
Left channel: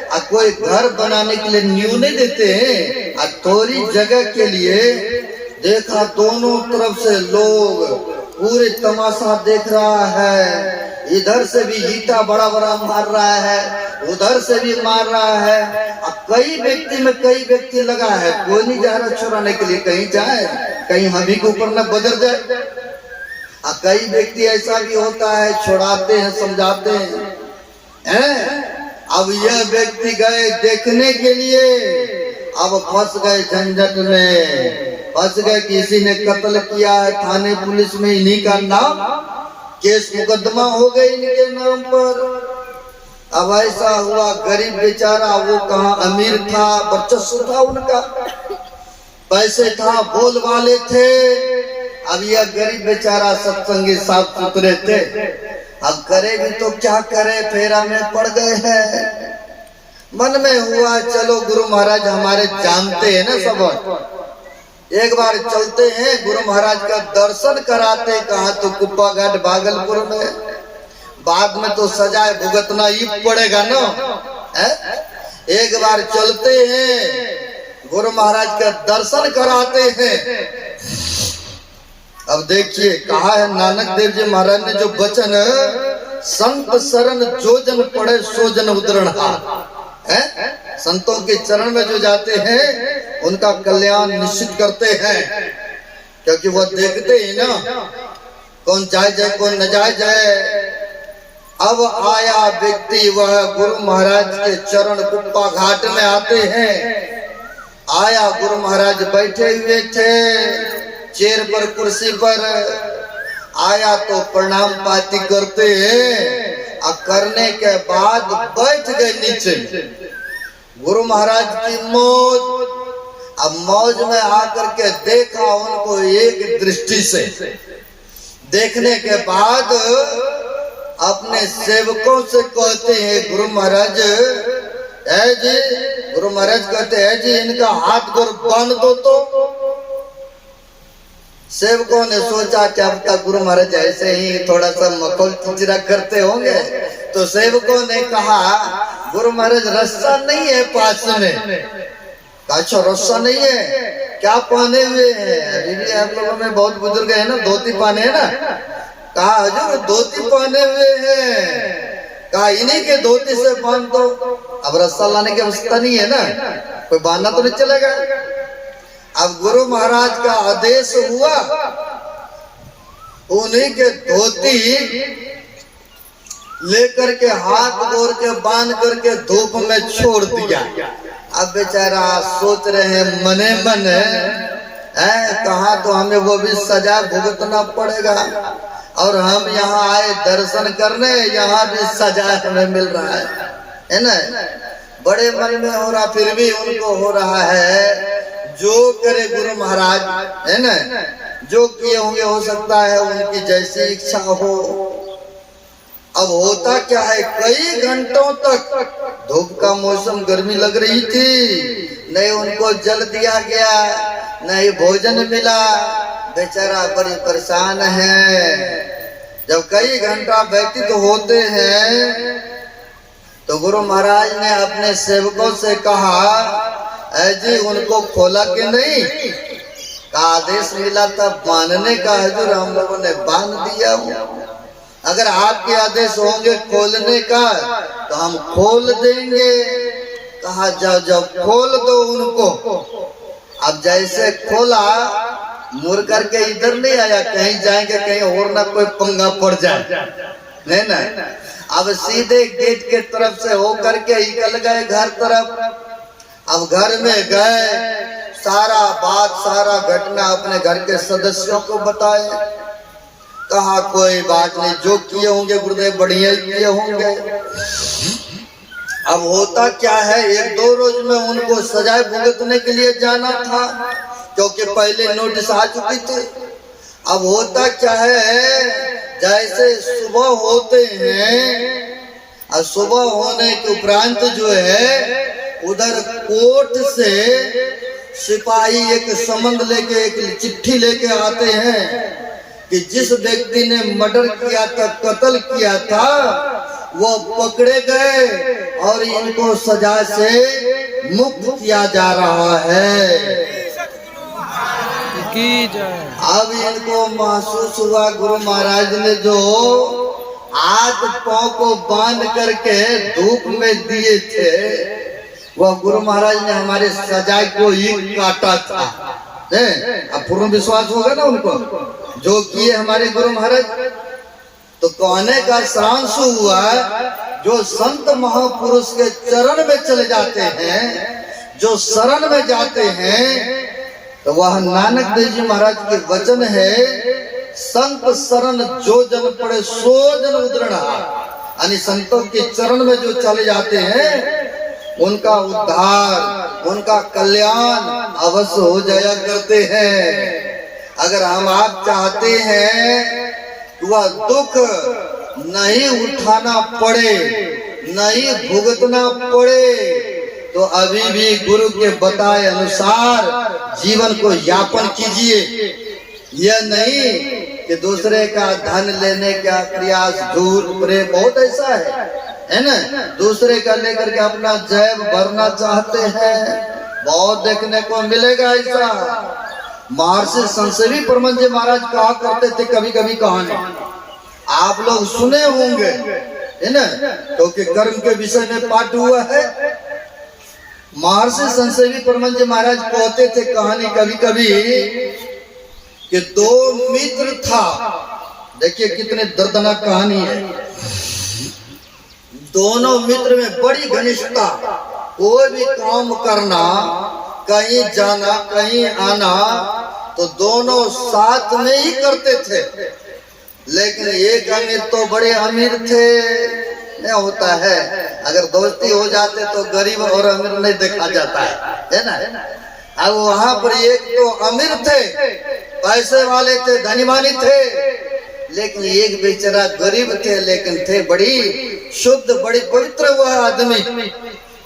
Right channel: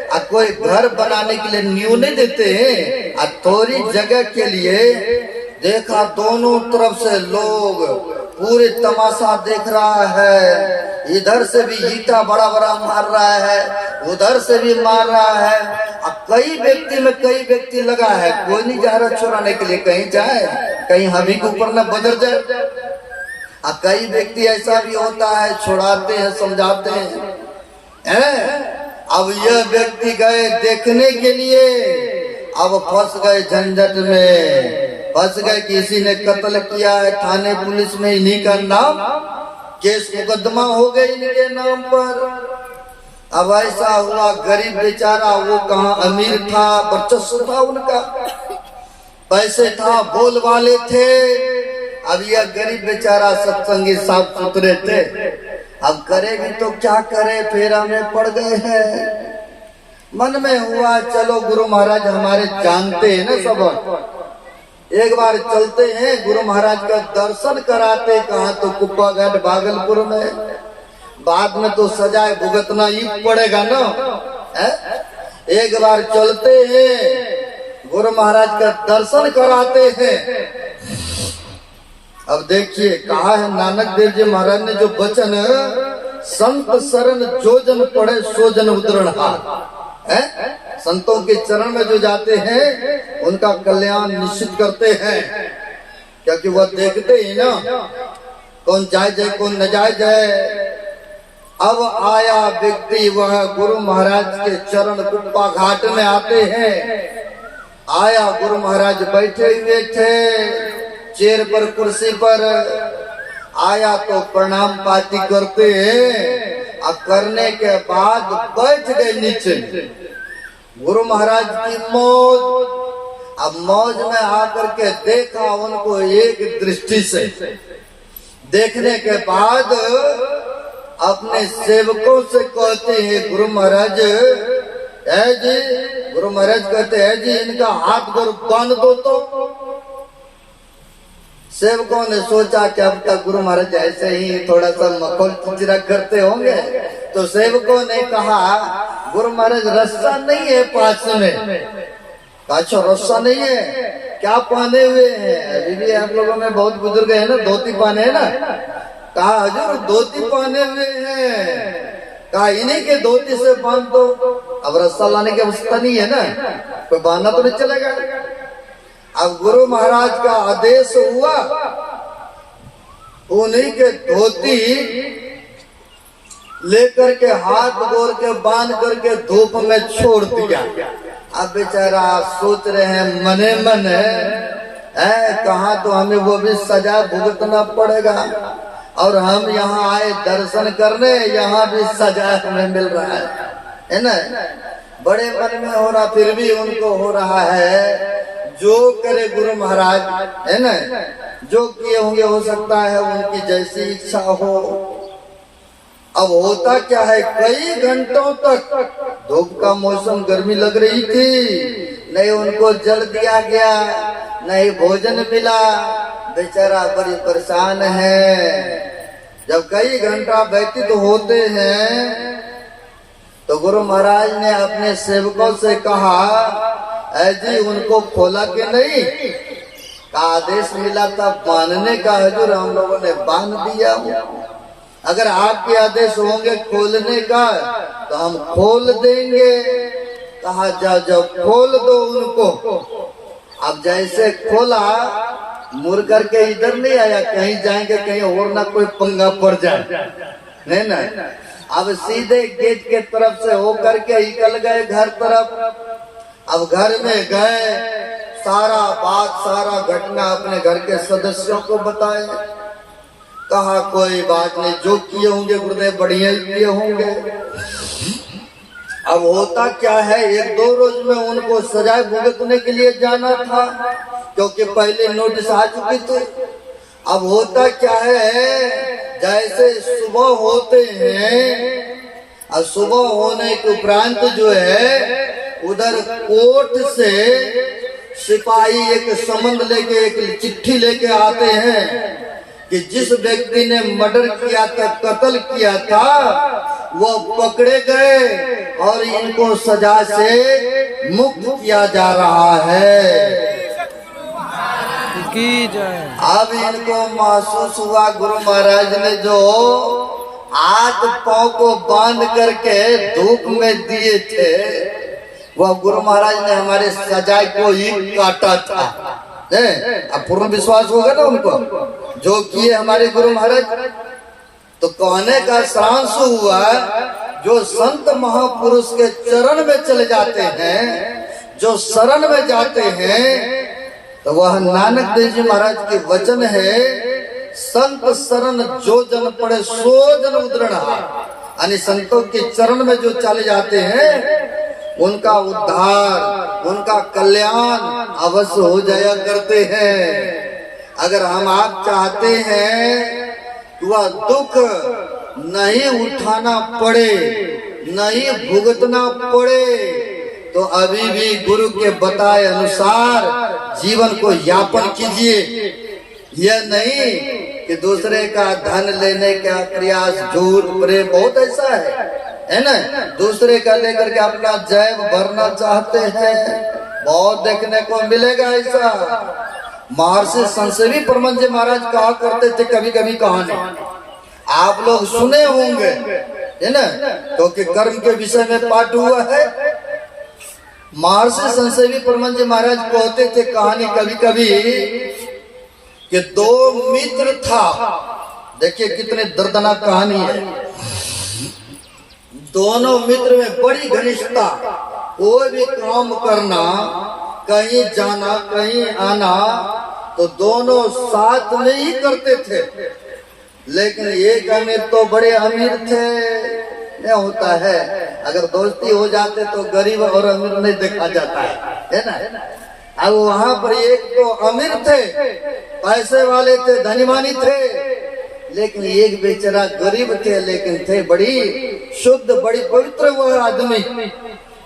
और कोई घर बनाने के लिए नींव नहीं देते हैं, और थोड़ी जगह के लिए देखा दोनों तरफ से लोग पूरे तमाशा देख रहा है। इधर से भी ईटा बड़ा बड़ा मार रहा है, उधर से भी मार रहा है। अब कई व्यक्ति लगा है, कोई नहीं जा रहा छुड़ाने के लिए, कहीं जाए कहीं हम ही के ऊपर न बजर जाए। अब कई व्यक्ति ऐसा भी होता है, छुड़ाते हैं, समझाते हैं। अब यह व्यक्ति गए देखने के लिए, अब फंस गए झंझट में, फंस गए। किसी ने कत्ल किया है, थाने पुलिस में इन्हीं का नाम, केस मुकदमा हो गए इनके नाम पर। अब ऐसा हुआ, गरीब बेचारा, वो कहाँ अमीर था, वर्चस्व था उनका, पैसे था, बोल वाले थे। अब यह गरीब बेचारा सत्संगी साफ सुथरे थे, अब करे भी तो क्या करे, फेरा में पड़ गए हैं। मन में हुआ चलो गुरु महाराज हमारे जानते हैं ना सब, एक बार चलते हैं गुरु महाराज का दर्शन कराते। कहाँ तो कुप्पा घाट भागलपुर में, बाद में तो सजाए भुगतना ही पड़ेगा ना। एक बार चलते हैं, गुरु महाराज का दर्शन कराते हैं। अब देखिए कहा है नानक देव जी महाराज ने जो वचन, संत शरण जो जन पढ़े सो जन उदरण हाथ। संतों के चरण में जो जाते हैं उनका कल्याण निश्चित करते हैं, क्योंकि वह देखते ही ना कौन जाए कौन न जाए। अब आया व्यक्ति, वह गुरु महाराज के चरण कुप्पा घाट में आते हैं। आया, गुरु महाराज बैठे हुए थे चेयर पर, कुर्सी पर। आया तो प्रणाम पाती करते हैं, अब करने के बाद बैठ गए नीचे। गुरु महाराज की मौज, अब मौज में आकर के देखा उनको एक दृष्टि से। देखने के बाद अपने सेवकों से कहते हैं गुरु महाराज, है जी, गुरु महाराज कहते हैं जी इनका हाथ गोर बांध दो। तो सेवकों ने सोचा कि अब तक गुरु महाराज ऐसे ही थोड़ा सा मखौल चिचरा करते होंगे, तो सेवकों ने कहा गुरु महाराज रस्सा नहीं है पास में। अच्छा रस्सा नहीं है, क्या पहने हुए हैं? अभी भी आप लोगों में बहुत बुजुर्ग है ना, धोती पहने है ना। कहा हजूर धोती पहने हुए हैं। कहा इन्हीं के धोती से बांध दो। अब रस्सा लाने की आवश्यकता नहीं है ना, कोई बांधना तो नहीं चलेगा। अब गुरु महाराज का आदेश हुआ, उन्हीं के धोती लेकर के हाथ गोर के बांध करके धूप में छोड़ दिया। अब बेचारा सोच रहे हैं मने मन है, कहा तो हमें वो भी सजा भुगतना पड़ेगा, और हम यहाँ आए दर्शन करने, यहाँ भी सजा हमें मिल रहा है ना। बड़े मन में हो रहा, फिर भी उनको हो रहा है जो करे गुरु महाराज, है ना। जो किए होंगे हो सकता है उनकी जैसी इच्छा हो। अब होता क्या है, कई घंटों तक धूप का मौसम, गर्मी लग रही थी, नहीं उनको जल दिया गया, नहीं भोजन मिला, बेचारा बड़ी परेशान है। जब कई घंटा व्यतीत होते हैं तो गुरु महाराज ने अपने सेवकों से कहा, जी उनको खोला कि नहीं? का आदेश मिला था बांधने का, हजूर हम लोगों ने बांध दिया। अगर आपके आदेश होंगे खोलने का तो हम खोल देंगे। कहा जाओ जाओ खोल दो उनको। अब जैसे खोला, मुड़ करके इधर नहीं आया, कहीं जाएंगे कहीं और ना कोई पंगा पड़ जाए, नहीं ना। अब सीधे गेट के तरफ से होकर के निकल गए घर तरफ। अब घर में गए, सारा बात सारा घटना अपने घर के सदस्यों को बताए। कहा कोई बात नहीं, जो किए होंगे गुरुदेव बढ़िया ही किए होंगे। अब होता क्या है, एक दो रोज में उनको सजाए भुगतने के लिए जाना था, क्योंकि पहले नोटिस आ चुकी थी। अब होता क्या है, जैसे सुबह होते हैं और सुबह होने के उपरांत जो है उधर कोर्ट से सिपाही एक समन लेके, एक चिट्ठी लेके आते हैं कि जिस व्यक्ति ने मर्डर किया था, कत्ल किया था, वो पकड़े गए और इनको सजा से मुक्त किया जा रहा है। अब इनको महसूस हुआ, गुरु महाराज ने जो हाथ पांव को बांध करके धूप में दिए थे, वह गुरु महाराज ने हमारे सजाए को ही काटा था। अब पूर्ण विश्वास होगा ना उनको, जो किए हमारे गुरु महाराज। तो कहने का सांस हुआ, जो संत महापुरुष के चरण में चले जाते हैं, जो शरण में जाते हैं, तो वह नानक देव जी महाराज के वचन है, संत शरण जो जन पड़े सो जन उद्रणा। यानी संतों के चरण में जो चले जाते हैं उनका उद्धार, उनका कल्याण अवश्य हो जाया करते हैं। अगर हम आप चाहते हैं कि वह दुख नहीं उठाना पड़े, नहीं भुगतना पड़े, तो अभी भी गुरु के बताए अनुसार जीवन को यापन कीजिए। यह नहीं कि दूसरे का धन लेने का प्रयास, झूठ प्रेम बहुत ऐसा है ना, दूसरे का लेकर के अपना जैब भरना चाहते हैं, बहुत देखने को मिलेगा ऐसा। महर्षि संसेवी परमहंस जी महाराज कहा करते थे कभी कभी कहानी, आप लोग सुने होंगे है ना, क्योंकि कर्म के विषय में पाठ हुआ है। महर्षि संसेवी परमहंस जी महाराज कहते थे कहानी कभी कभी कि दो मित्र था। देखिए कितने दर्दनाक कहानी है। दोनों मित्र में बड़ी घनिष्ठता, कोई भी काम करना, कहीं जाना कहीं आना, तो दोनों साथ में ही करते थे। लेकिन एक अमीर तो बड़े अमीर थे, नहीं होता है, अगर दोस्ती हो जाते तो गरीब और अमीर नहीं देखा जाता है ना। अब वहां पर एक तो अमीर थे, पैसे वाले थे, धनीमानी थे, लेकिन एक बेचारा गरीब थे, लेकिन थे बड़ी शुद्ध, बड़ी पवित्र वह आदमी।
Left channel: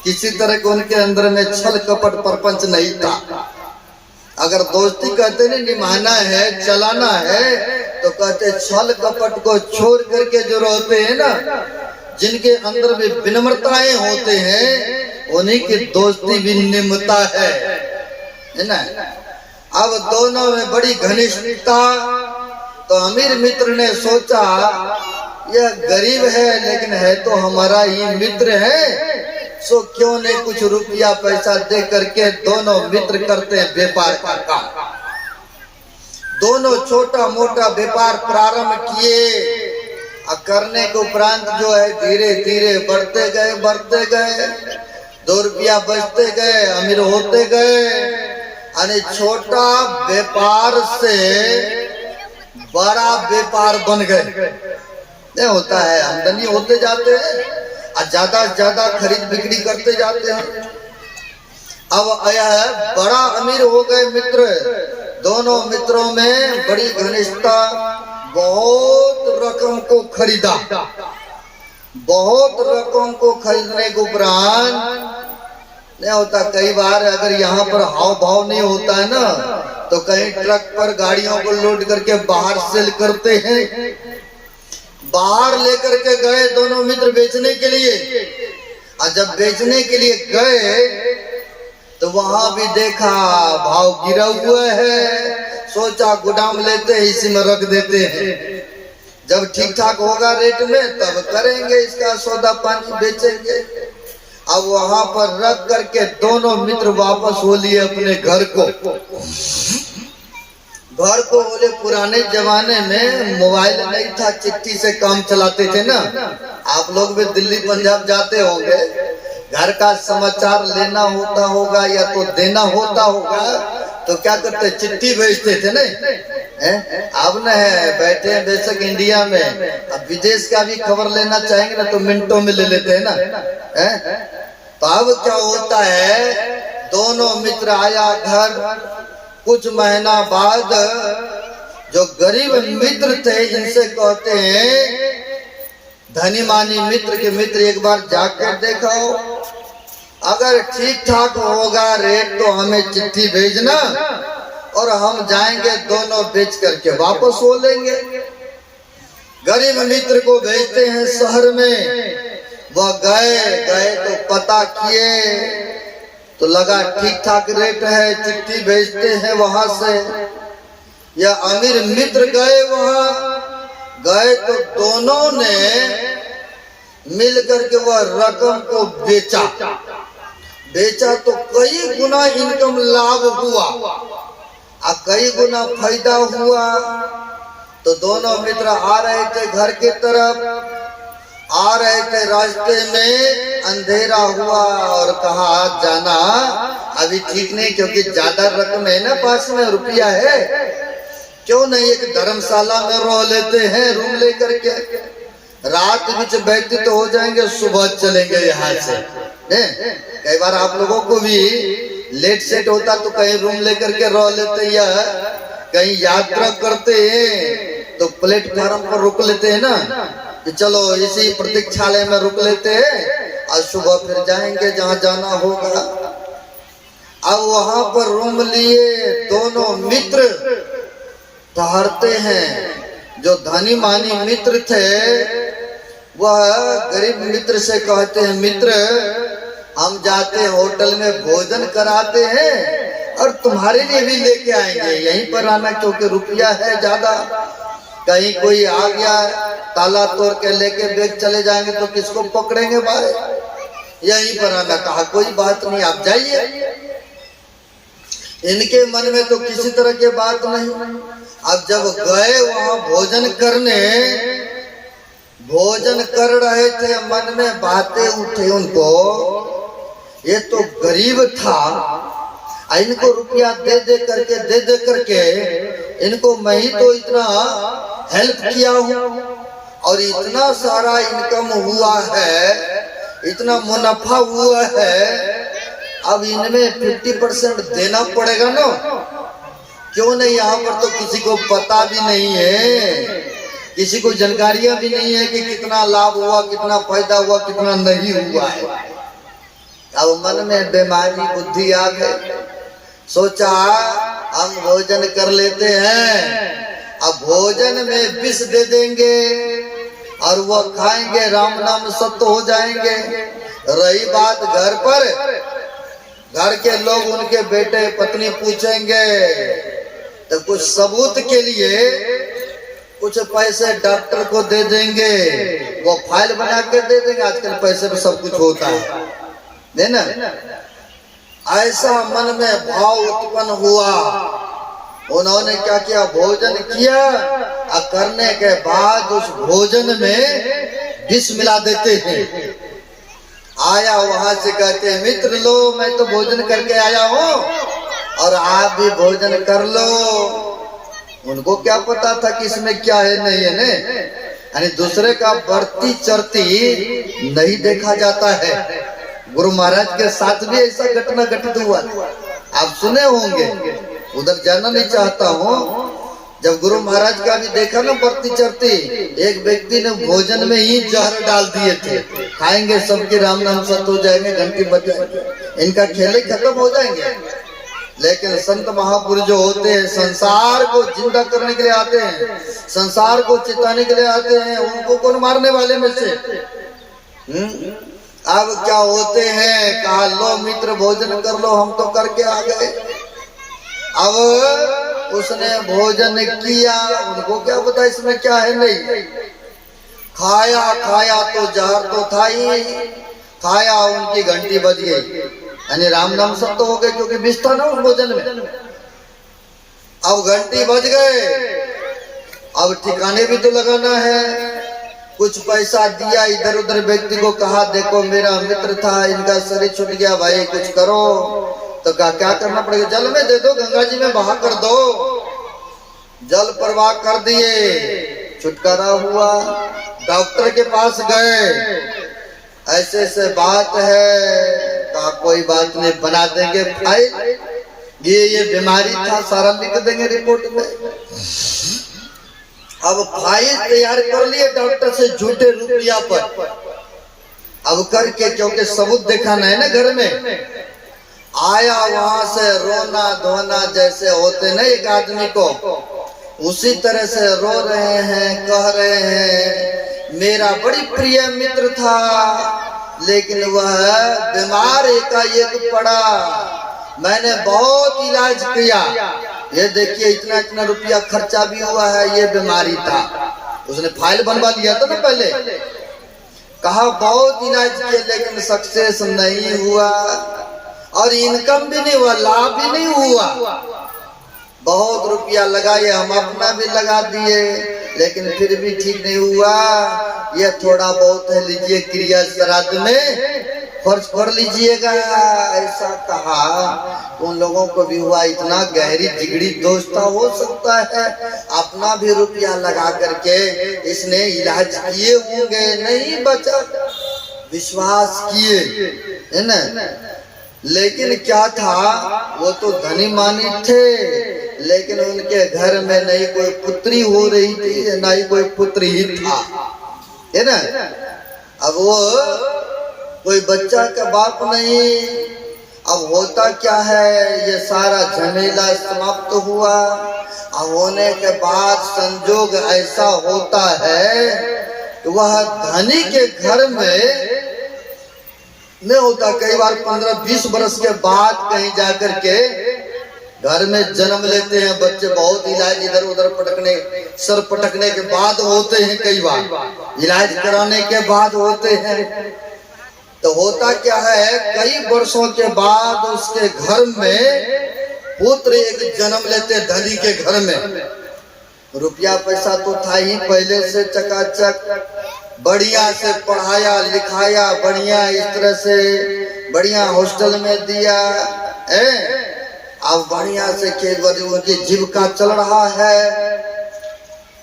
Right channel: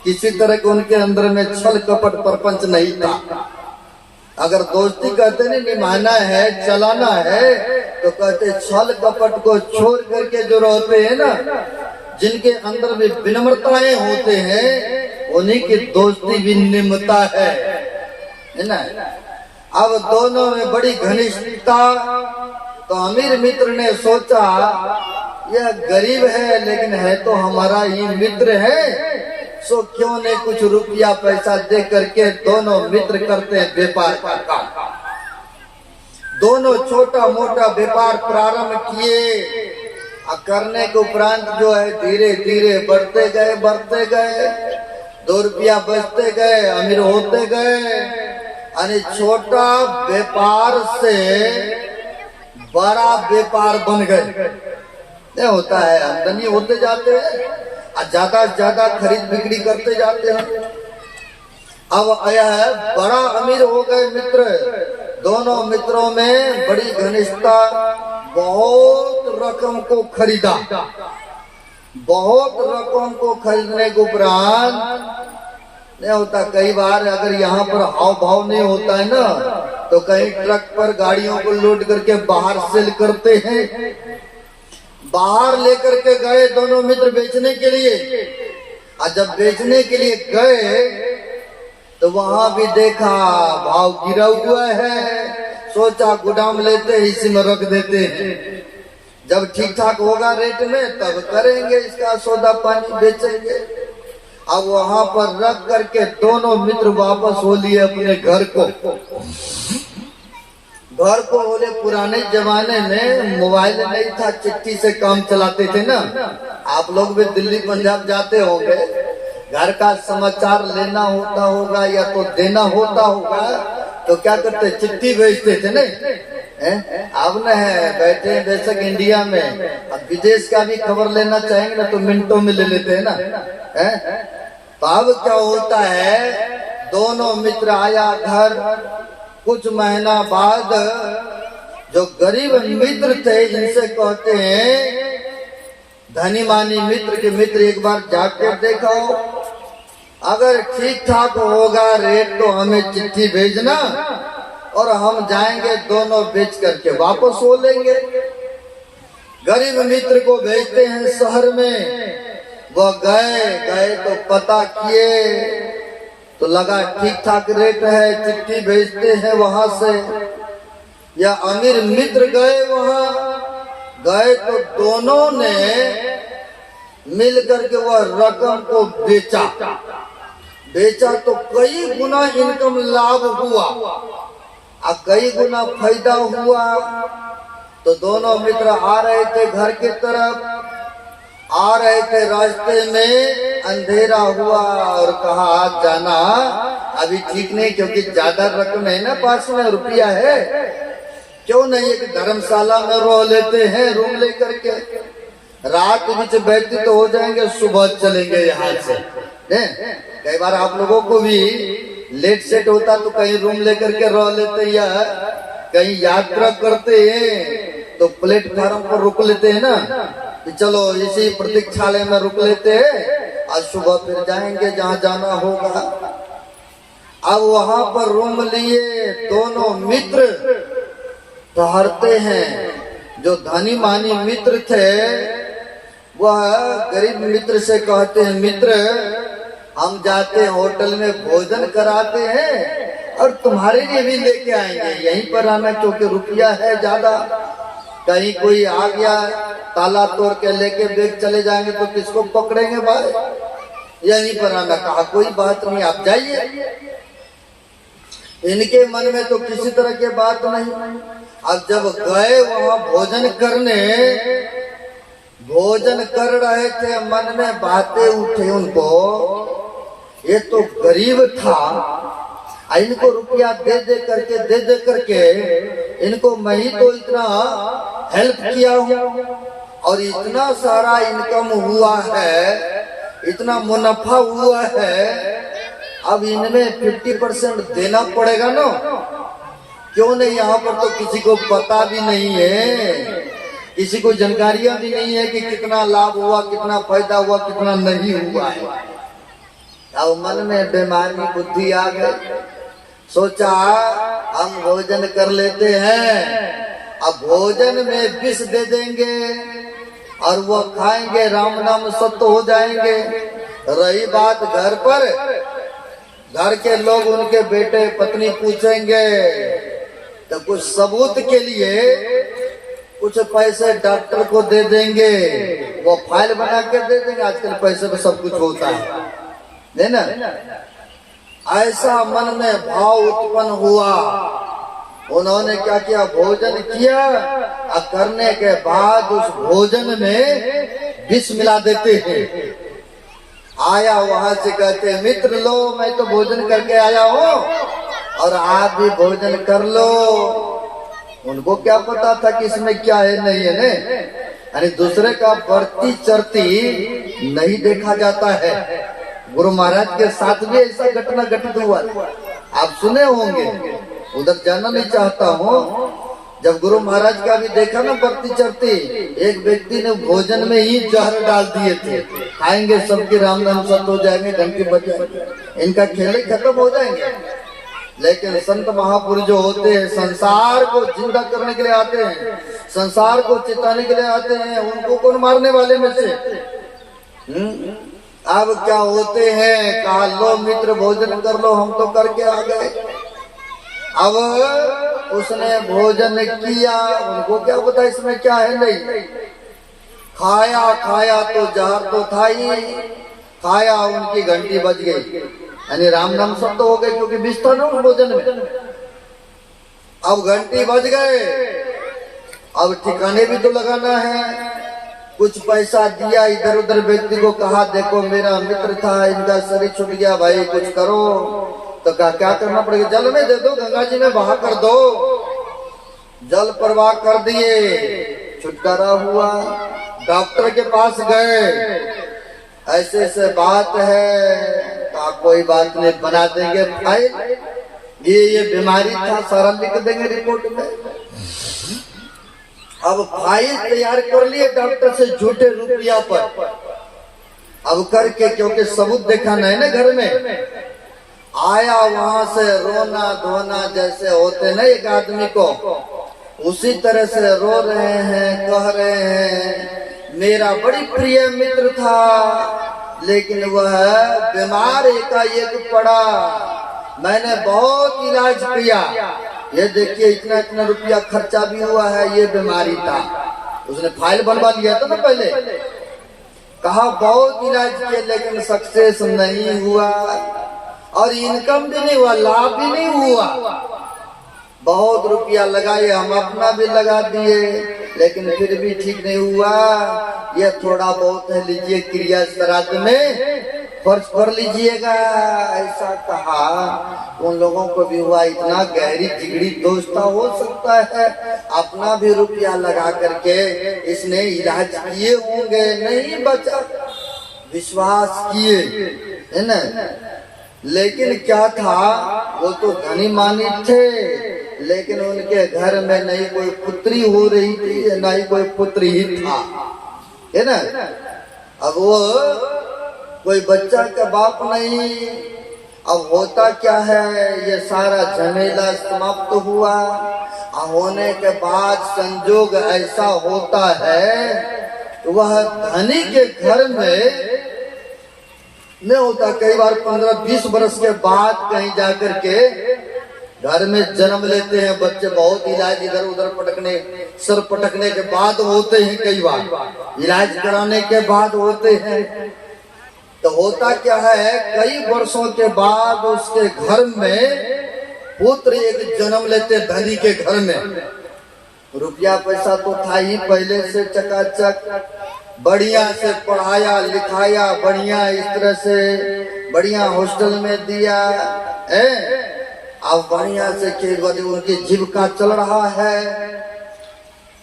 किसी तरह के उनके अंदर में छल कपट परपंच नहीं था। अगर दोस्ती कहते नहीं निभाना है, चलाना है, तो कहते छल कपट को छोड़ करके जो रहते हैं ना, जिनके अंदर में विनम्रताएं होते हैं, उन्हीं की दोस्ती विनिम्रता है ना। अब दोनों में बड़ी घनिष्ठता, तो अमीर मित्र ने सोचा यह गरीब है लेकिन है तो हमारा ही मित्र है, सो क्यों नहीं कुछ रुपया पैसा दे करके दोनों मित्र करते हैं व्यापार का काम। दोनों छोटा मोटा व्यापार प्रारंभ किए, करने के उपरांत जो है धीरे धीरे बढ़ते गए, 2 रुपया बचते गए, अमीर होते गए। यानी छोटा व्यापार से बड़ा व्यापार बन गए। नहीं होता है, आमदनी होते जाते हैं और ज्यादा से ज्यादा खरीद बिक्री करते जाते हैं। अब यह बड़ा अमीर हो गए मित्र, दोनों मित्रों में बड़ी घनिष्ठता, बहुत रकम को खरीदा। बहुत रकम को खरीदने के उपरांत नहीं होता, कई बार अगर यहाँ पर हाव भाव नहीं होता है ना, तो कहीं ट्रक पर गाड़ियों को लोड करके बाहर सेल करते हैं। बाहर लेकर के गए दोनों मित्र बेचने के लिए, और जब बेचने के लिए गए तो वहां भी देखा भाव गिरा हुआ है। सोचा गोदाम लेते हैं, इसी में रख देते हैं, जब ठीक ठाक होगा रेट में तब करेंगे इसका सौदा पानी, बेचेंगे। अब वहां पर रख करके दोनों मित्र वापस हो लिए अपने घर को। घर को बोले पुराने जमाने में मोबाइल नहीं था, चिट्ठी से काम चलाते थे ना। आप लोग भी दिल्ली पंजाब जाते होंगे, घर का समाचार लेना होता होगा या तो देना होता होगा, तो क्या करते, चिट्ठी भेजते थे नहीं। अब न है बैठे बेशक इंडिया में, अब विदेश का भी खबर लेना चाहेंगे ना तो मिनटों में ले लेते हैं ना। तो अब क्या होता है, दोनों मित्र आया घर। कुछ महीना बाद जो गरीब मित्र थे इनसे कहते हैं, धनी मानी मित्र के मित्र एक बार जाकर देखाओ, अगर ठीक ठाक होगा रेट तो हमें चिट्ठी भेजना और हम जाएंगे दोनों बेच करके वापस हो लेंगे। गरीब मित्र को भेजते हैं शहर में। वह गए तो पता किए तो लगा ठीक ठाक रेट है, चिट्ठी भेजते हैं वहां से। या अमीर मित्र गए वहां, गए तो दोनों ने मिलकर के वह रकम को बेचा। बेचा तो कई गुना इनकम लाभ हुआ और कई गुना फायदा हुआ। तो दोनों मित्र आ रहे थे घर के तरफ, आ रहे थे, रास्ते में अंधेरा हुआ और कहा आज जाना अभी ठीक नहीं, क्योंकि ज्यादा रकम है ना, पास में रुपया है, क्यों नहीं एक धर्मशाला में रह लेते हैं रूम लेकर के, रात बीच व्यतीत तो हो जाएंगे, सुबह चलेंगे यहाँ से। कई बार आप लोगों को भी लेट सेट होता तो कहीं रूम लेकर के रह लेते, या कहीं यात्रा करते हैं तो प्लेटफॉर्म पर रुक लेते हैं ना, कि चलो इसी प्रतीक्षालय में रुक लेते हैं और सुबह फिर जाएंगे जहां जाना होगा। अब वहां पर रूम लिए दोनों मित्र ठहरते हैं। जो धनी मानी मित्र थे वह गरीब मित्र से कहते हैं, मित्र हम जाते हैं होटल में भोजन कराते हैं और तुम्हारे लिए भी लेके आएंगे, यहीं पर आना क्योंकि रुपया है ज्यादा, कहीं कोई आ गया ताला तोड़ के लेके बैग चले जाएंगे तो किसको पकड़ेंगे भाई, यहीं पर आना। कहा कोई बात नहीं आप जाइए। इनके मन में तो किसी तरह की बात नहीं। अब जब गए वहां भोजन करने, भोजन कर रहे थे, मन में बातें उठे उनको, ये तो गरीब था, इनको रुपया दे दे करके इनको मैं ही तो इतना हेल्प किया हूँ और इतना सारा इनकम हुआ है, इतना मुनाफा हुआ है, अब इनमें 50% देना पड़ेगा ना। क्यों नहीं, यहाँ पर तो किसी को पता भी नहीं है, किसी को जानकारियां भी नहीं है कि कितना लाभ हुआ, कितना फायदा हुआ, कितना नहीं हुआ है। अब मन में बीमारी बुद्धि आ गई, सोचा हम भोजन कर लेते हैं, अब भोजन में विष दे देंगे और वो खाएंगे, राम नाम सत्य हो जाएंगे। रही बात घर पर, घर के लोग उनके बेटे पत्नी पूछेंगे तो कुछ सबूत के लिए कुछ पैसे डॉक्टर को दे देंगे, वो फाइल बना के दे देंगे। आजकल पैसे में सब कुछ होता है ना। ऐसा मन में भाव उत्पन्न हुआ। उन्होंने क्या किया, भोजन किया और करने के बाद उस भोजन में विष मिला देते हैं। आया वहां से कहते हैं, मित्र लो मैं तो भोजन करके आया हूँ और आप भी भोजन कर लो। उनको क्या पता था कि इसमें क्या है नहीं है ने, यानी दूसरे का बढ़ती चढ़ती नहीं देखा जाता है। गुरु महाराज के साथ भी ऐसा घटना घटित हुआ, आप सुने होंगे। उधर जाना नहीं चाहता हूँ। जब गुरु महाराज का भी देखा ना बढ़ती चढ़ती, एक व्यक्ति ने भोजन में ही जहर डाल दिए थे, खाएंगे सबके राम नाम सत हो जाएंगे, घंटी बज जाएंगे, इनका खेल खत्म हो जाएंगे। लेकिन संत महापुरुष जो होते हैं संसार को जिंदा करने के लिए आते हैं, संसार को चिताने के लिए आते हैं, उनको कौन मारने वाले में से? अब क्या होते हैं, कहा लो मित्र भोजन कर लो, हम तो करके आ गए। अब उसने भोजन किया, उनको क्या पता इसमें क्या है, नहीं खाया, खाया तो जहर तो था ही, खाया उनकी घंटी बज गई, यानी राम नाम सब तो हो गए क्योंकि विष था ना उस भोजन में। अब घंटी बज गए, अब ठिकाने भी तो लगाना है, कुछ पैसा दिया इधर उधर व्यक्ति को, कहा देखो मेरा मित्र था, इनका शरीर छूट गया भाई कुछ करो। तो क्या करना पड़ेगा, जल में दे दो, गंगा जी में बहा कर दो। जल प्रवाह कर दिए, छुटकारा हुआ। डॉक्टर के पास गए, ऐसे ऐसे बात है, का कोई बात नहीं, बना देंगे फाइल, ये बीमारी था सारा लिख देंगे रिपोर्ट में। अब फाइल तैयार कर लिए डॉक्टर से झूठे रुपया पर, अब करके, क्योंकि सबूत दिखाना है ना घर में। आया वहां से रोना धोना जैसे होते ना एक आदमी को, उसी तरह से रो रहे हैं, कह रहे हैं मेरा बड़ी प्रिय मित्र था, लेकिन वह बीमार एकाएक पड़ा, मैंने बहुत इलाज किया, ये देखिए इतना इतना रुपया खर्चा भी हुआ है, ये बीमारी था। उसने फाइल बनवा लिया था ना पहले, कहा बहुत इलाज किया लेकिन सक्सेस नहीं हुआ, और इनकम भी नहीं हुआ, लाभ भी नहीं हुआ। बहुत रुपया लगाए, हम अपना भी लगा दिए, लेकिन फिर भी ठीक नहीं हुआ। ये थोड़ा बहुत है, लीजिए क्रिया श्राद्ध में खर्च कर लीजिएगा, ऐसा कहा। उन लोगों को भी हुआ, इतना गहरी जिगड़ी दोस्ता हो सकता है, अपना भी रुपया लगा करके इसने इलाज किए होंगे, नहीं बचा, विश्वास किए, है ना। लेकिन क्या था, वो तो धनी मानी थे, लेकिन उनके घर में नहीं कोई पुत्री हो रही थी, ना ही कोई पुत्र ही था, है ना। अब वो कोई बच्चा का बाप नहीं। अब होता क्या है, ये सारा झमेला समाप्त हुआ। अब होने के बाद संजोग ऐसा होता है कि वह धनी के घर में नहीं होता, कई बार 15-20 बरस के बाद कहीं जाकर के घर में जन्म लेते हैं बच्चे, बहुत इलाज इधर उधर पटकने, सर पटकने के बाद होते हैं, कई बार इलाज कराने के बाद होते हैं। तो होता क्या है, कई वर्षों के बाद उसके घर में पुत्र एक जन्म लेते, धनी के घर में। रुपया पैसा तो था ही पहले से चकाचक, बढ़िया से पढ़ाया लिखाया, बढ़िया इस तरह से बढ़िया हॉस्टल में दिया, अब बढ़िया से उनकी जीविका चल रहा है।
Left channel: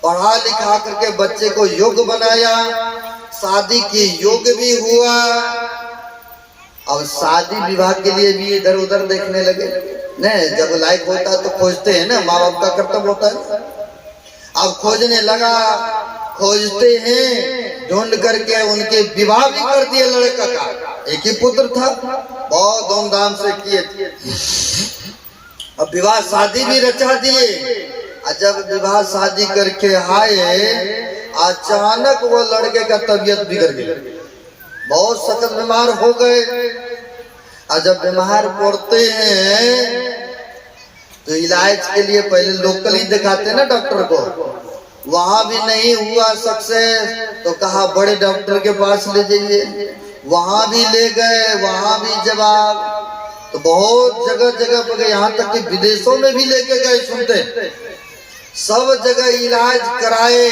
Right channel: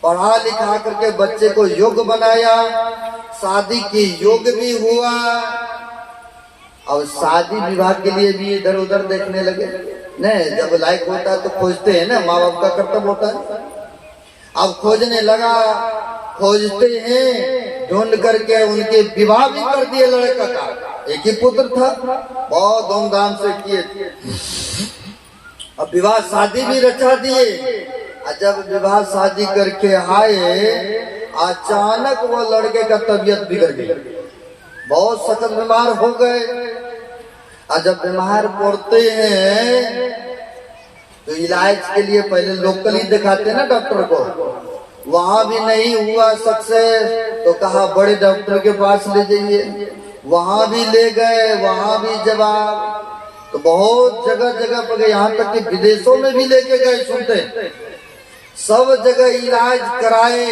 पढ़ा लिखा करके बच्चे को योग्य बनाया, शादी की योग्य भी हुआ। अब शादी विवाह के लिए भी इधर उधर देखने लगे, नहीं जब लायक होता तो खोजते हैं ना, माँ बाप का कर्तव्य होता है। अब खोजने लगा, खोजते हैं, ढूंढ करके उनके विवाह भी कर दिए लड़का का, एक ही पुत्र था, बहुत धूमधाम से किए थे। अब विवाह शादी भी रचा दिए। जब विवाह शादी करके आए, अचानक वो लड़के का तबीयत बिगड़ गई, बहुत सख्त बीमार हो गए। जब बीमार पड़ते हैं तो इलाज के लिए पहले लोकल ही दिखाते हैं ना डॉक्टर को, वहां भी नहीं हुआ सक्सेस, तो कहा बड़े डॉक्टर के पास ले जाइए, वहां भी ले गए, वहां भी जवाब। तो बहुत जगह जगह पर गए, यहाँ तक कि विदेशों में भी लेके गए, सुनते सब जगह इलाज कराए।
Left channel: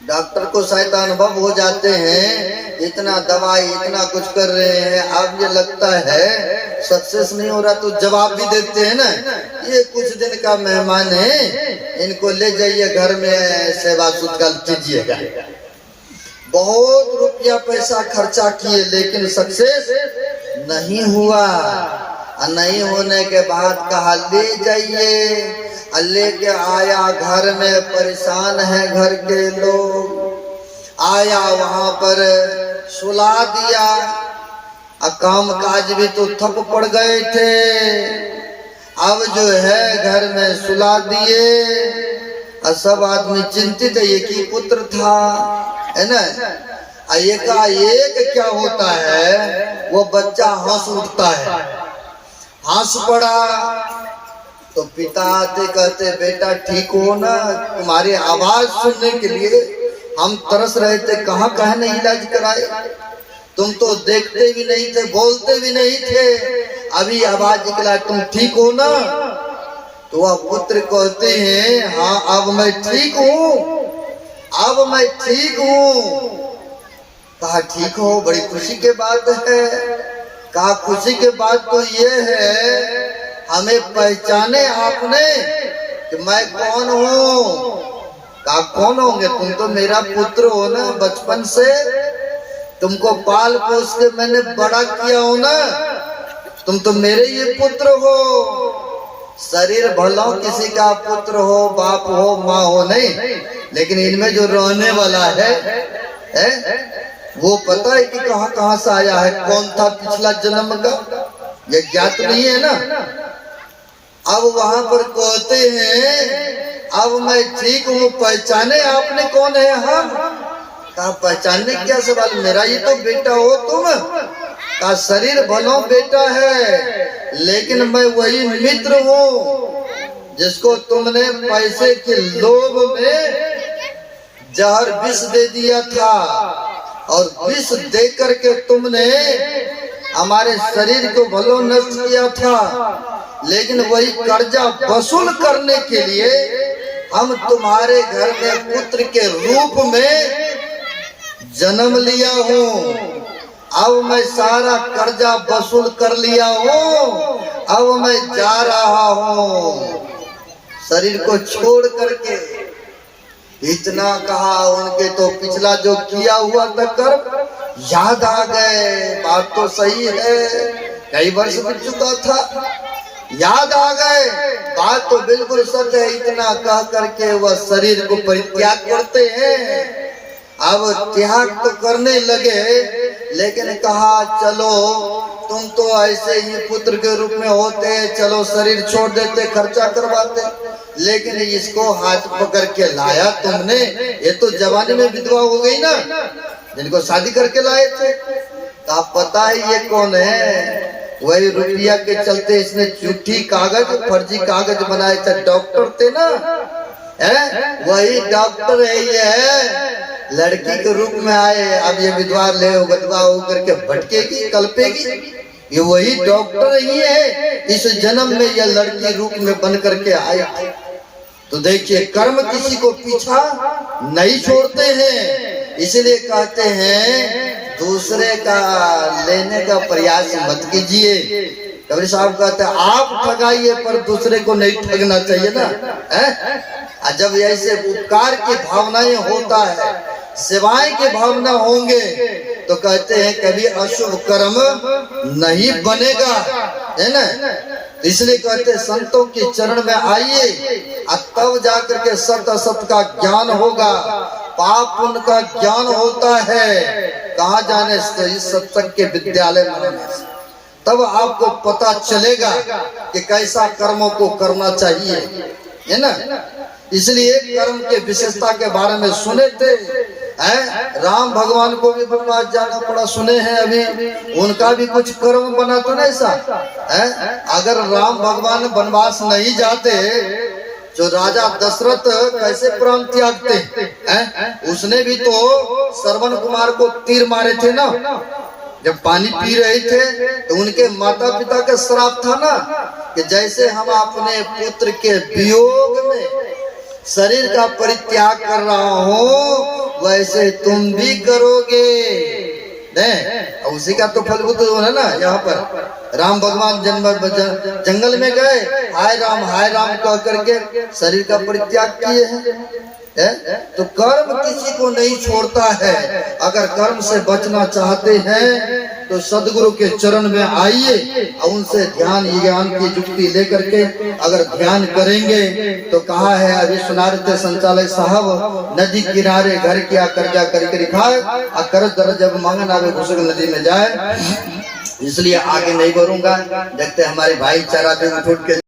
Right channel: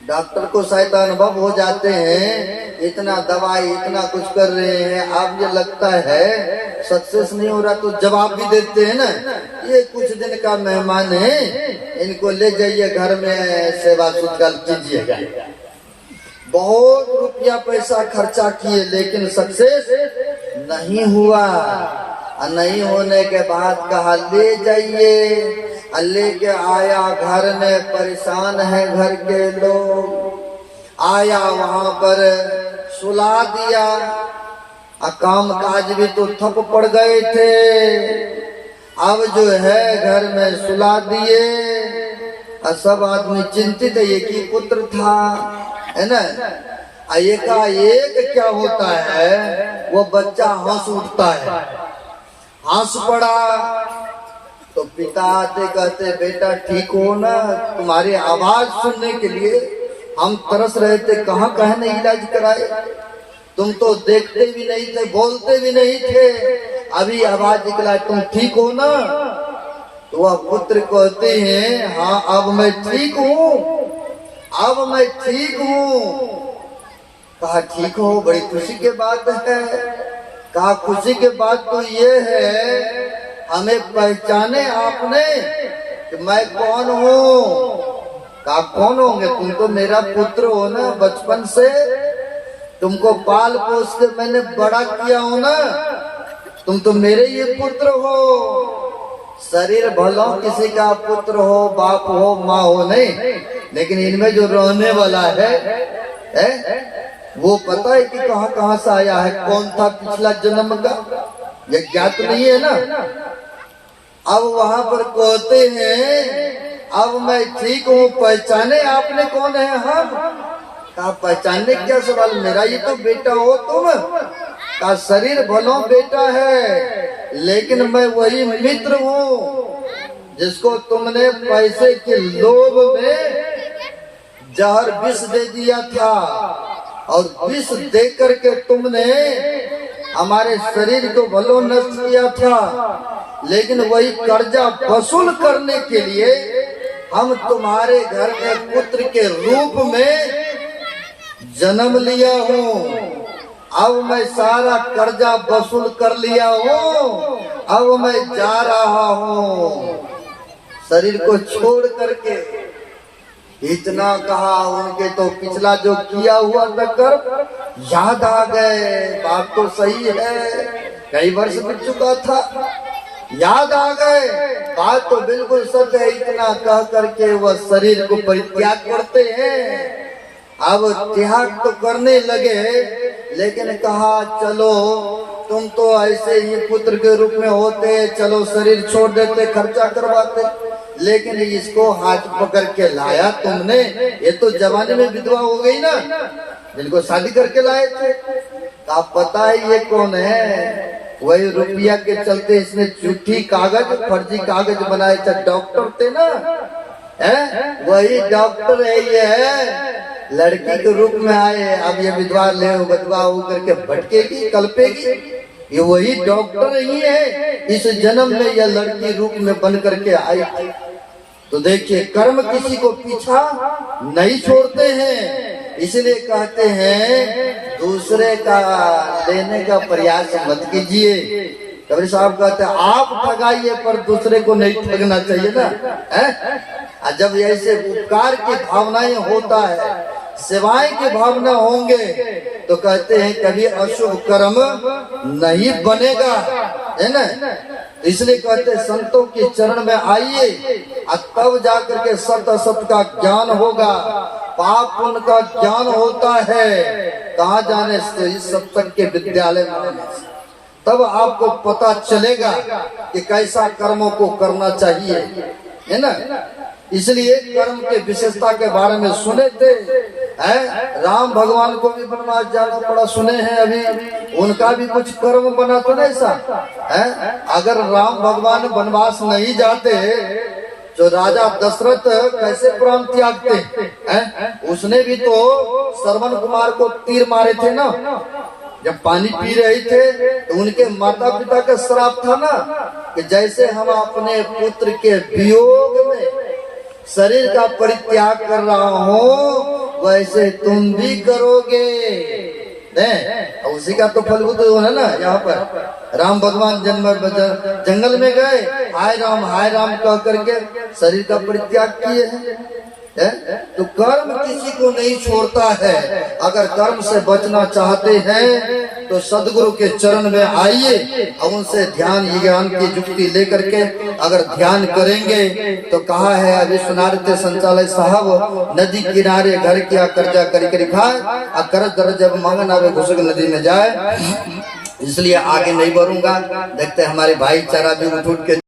डॉक्टर को शायद अनुभव हो जाते हैं, इतना दवाई इतना कुछ कर रहे हैं, अब ये लगता है सक्सेस नहीं हो रहा, तो जवाब भी देते हैं ना, ये कुछ दिन का मेहमान है, इनको ले जाइए घर में सेवा सत्कार कीजिएगा। बहुत रुपया पैसा खर्चा किए, लेकिन सक्सेस नहीं हुआ। नहीं होने के बाद कहा ले जाइए। लेके आया घर में, परेशान है घर के लोग। आया वहां पर सुला दिया। काम काज भी तो थक पड़ गए थे। अब जो है घर में सुला दिए। सब आदमी चिंतित है, एक ही पुत्र था, है ना। एकाएक क्या होता है, वो बच्चा हंस उठता है। हंस पड़ा तो पिता आते कहते बेटा ठीक हो ना, तुम्हारी आवाज सुनने के लिए हम तरस रहे थे, कहाँ नहीं इलाज कराए। तुम तो देखते भी नहीं थे, बोलते भी नहीं थे, अभी आवाज निकला, तुम ठीक हो ना। तो वह पुत्र कहते हैं हाँ अब मैं ठीक हूँ, अब मैं ठीक हूँ। कहा ठीक हो, बड़ी खुशी की बात है। कहा खुशी की बात तो ये है हमें पहचाने आपने कि मैं कौन हूँ। कहा कौन होंगे, तुम तो मेरा पुत्र हो ना, बचपन से तुमको पाल पोस के मैंने बड़ा किया हो ना, तुम तो मेरे ये पुत्र हो। शरीर भलो किसी का पुत्र हो, बाप हो, माँ हो नहीं, लेकिन इनमें जो रहने वाला है वो पता है कि कहाँ से आया है, कौन था पिछला जन्म का, ये ज्ञात नहीं है ना। अब वहां पर कहते हैं अब मैं ठीक हूँ, पहचाने आपने कौन है हम। कहा पहचानने क्या सवाल, मेरा ये तो बेटा हो तुम। कहा शरीर भलो बेटा है, लेकिन मैं वही मित्र हूँ जिसको तुमने पैसे के लोभ में जहर विष दे दिया था, और विष दे करके तुमने हमारे शरीर को भलो नष्ट किया था। लेकिन वही कर्जा वसूल करने के लिए हम तुम्हारे घर के पुत्र के रूप में जन्म लिया हूँ। अब मैं सारा कर्जा वसूल कर लिया हूँ, अब मैं जा रहा हूँ शरीर को छोड़ करके। इतना कहा, उनके तो पिछला जो किया हुआ था कर्म याद आ गए। बात तो सही है, कई वर्ष बीत चुका था, याद आ गए, बात तो बिल्कुल सच है। इतना कह करके वह शरीर को परित्याग करते हैं। अब त्याग तो करने लगे, लेकिन कहा चलो तुम तो ऐसे ही पुत्र के रूप में होते, चलो शरीर छोड़ देते, खर्चा करवाते। लेकिन इसको हाथ पकड़ के लाया तुमने, ये तो जवानी में विधवा हो गई ना, जिनको शादी करके लाए थे। आप पता है ये कौन है, वही रुपया के चलते इसने झूठी कागज, फर्जी कागज बनाए थे, डॉक्टर थे ना, है वही डॉक्टर है ये। लड़की के रूप में आए, अब ये विधवा ले गधवा होकर के भटकेगी, कल्पेगी, ये वही डॉक्टर ही है। इस जन्म में यह लड़की रूप में बन करके आई थी। तो देखिए कर्म किसी को पीछा नहीं छोड़ते हैं, इसलिए कहते हैं दूसरे का लेने का प्रयास मत कीजिए। कबीर साहब कहते हैं आप ठगाइए पर दूसरे को नहीं ठगना चाहिए ना, है। जब ऐसे उपकार की भावनाएं होता है, सेवाएं की भावना होंगे, तो कहते हैं कभी अशुभ कर्म नहीं बनेगा, है ना। इसलिए कहते संतों के चरण में आइए, तब जाकर के सत असत का ज्ञान होगा, पाप पुण्य का ज्ञान होता है। कहाँ जाने से इस सत्संग के विद्यालय में, तब आपको पता चलेगा कि कैसा कर्मों को करना चाहिए, है ना। इसलिए कर्म के विशेषता के बारे में सुने थे, राम भगवान को भी वनवास जाना पड़ा, सुने हैं अभी, उनका भी कुछ कर्म बना तो नहीं सा है। अगर राम भगवान वनवास नहीं जाते तो राजा दशरथ कैसे प्राण त्यागते हैं। उसने भी तो श्रवण कुमार को तीर मारे थे ना, जब पानी पी रहे थे तो उनके माता पिता का श्राप था ना कि जैसे हम अपने पुत्र के वियोग में शरीर का परित्याग कर रहा हूँ, वैसे तुम भी करोगे। नहीं, उसी का तो फलभूत होना ना। यहाँ पर राम भगवान जंगल में गए, हाय राम कह करके शरीर का परित्याग किए हैं। है? तो कर्म किसी को नहीं छोड़ता है। अगर कर्म से बचना चाहते हैं तो सदगुरु के चरण में आइए और उनसे ध्यान ज्ञान की युक्ति लेकर के अगर ध्यान करेंगे तो कहा है विश्वनाथ संचालय साहब नदी किनारे घर किया कर्जा कर खाए और कर्ज दर्ज जब मांगन आवे घुसक नदी में जाए। इसलिए आगे नहीं बढ़ूंगा, देखते हमारे भाईचारा जो उठ के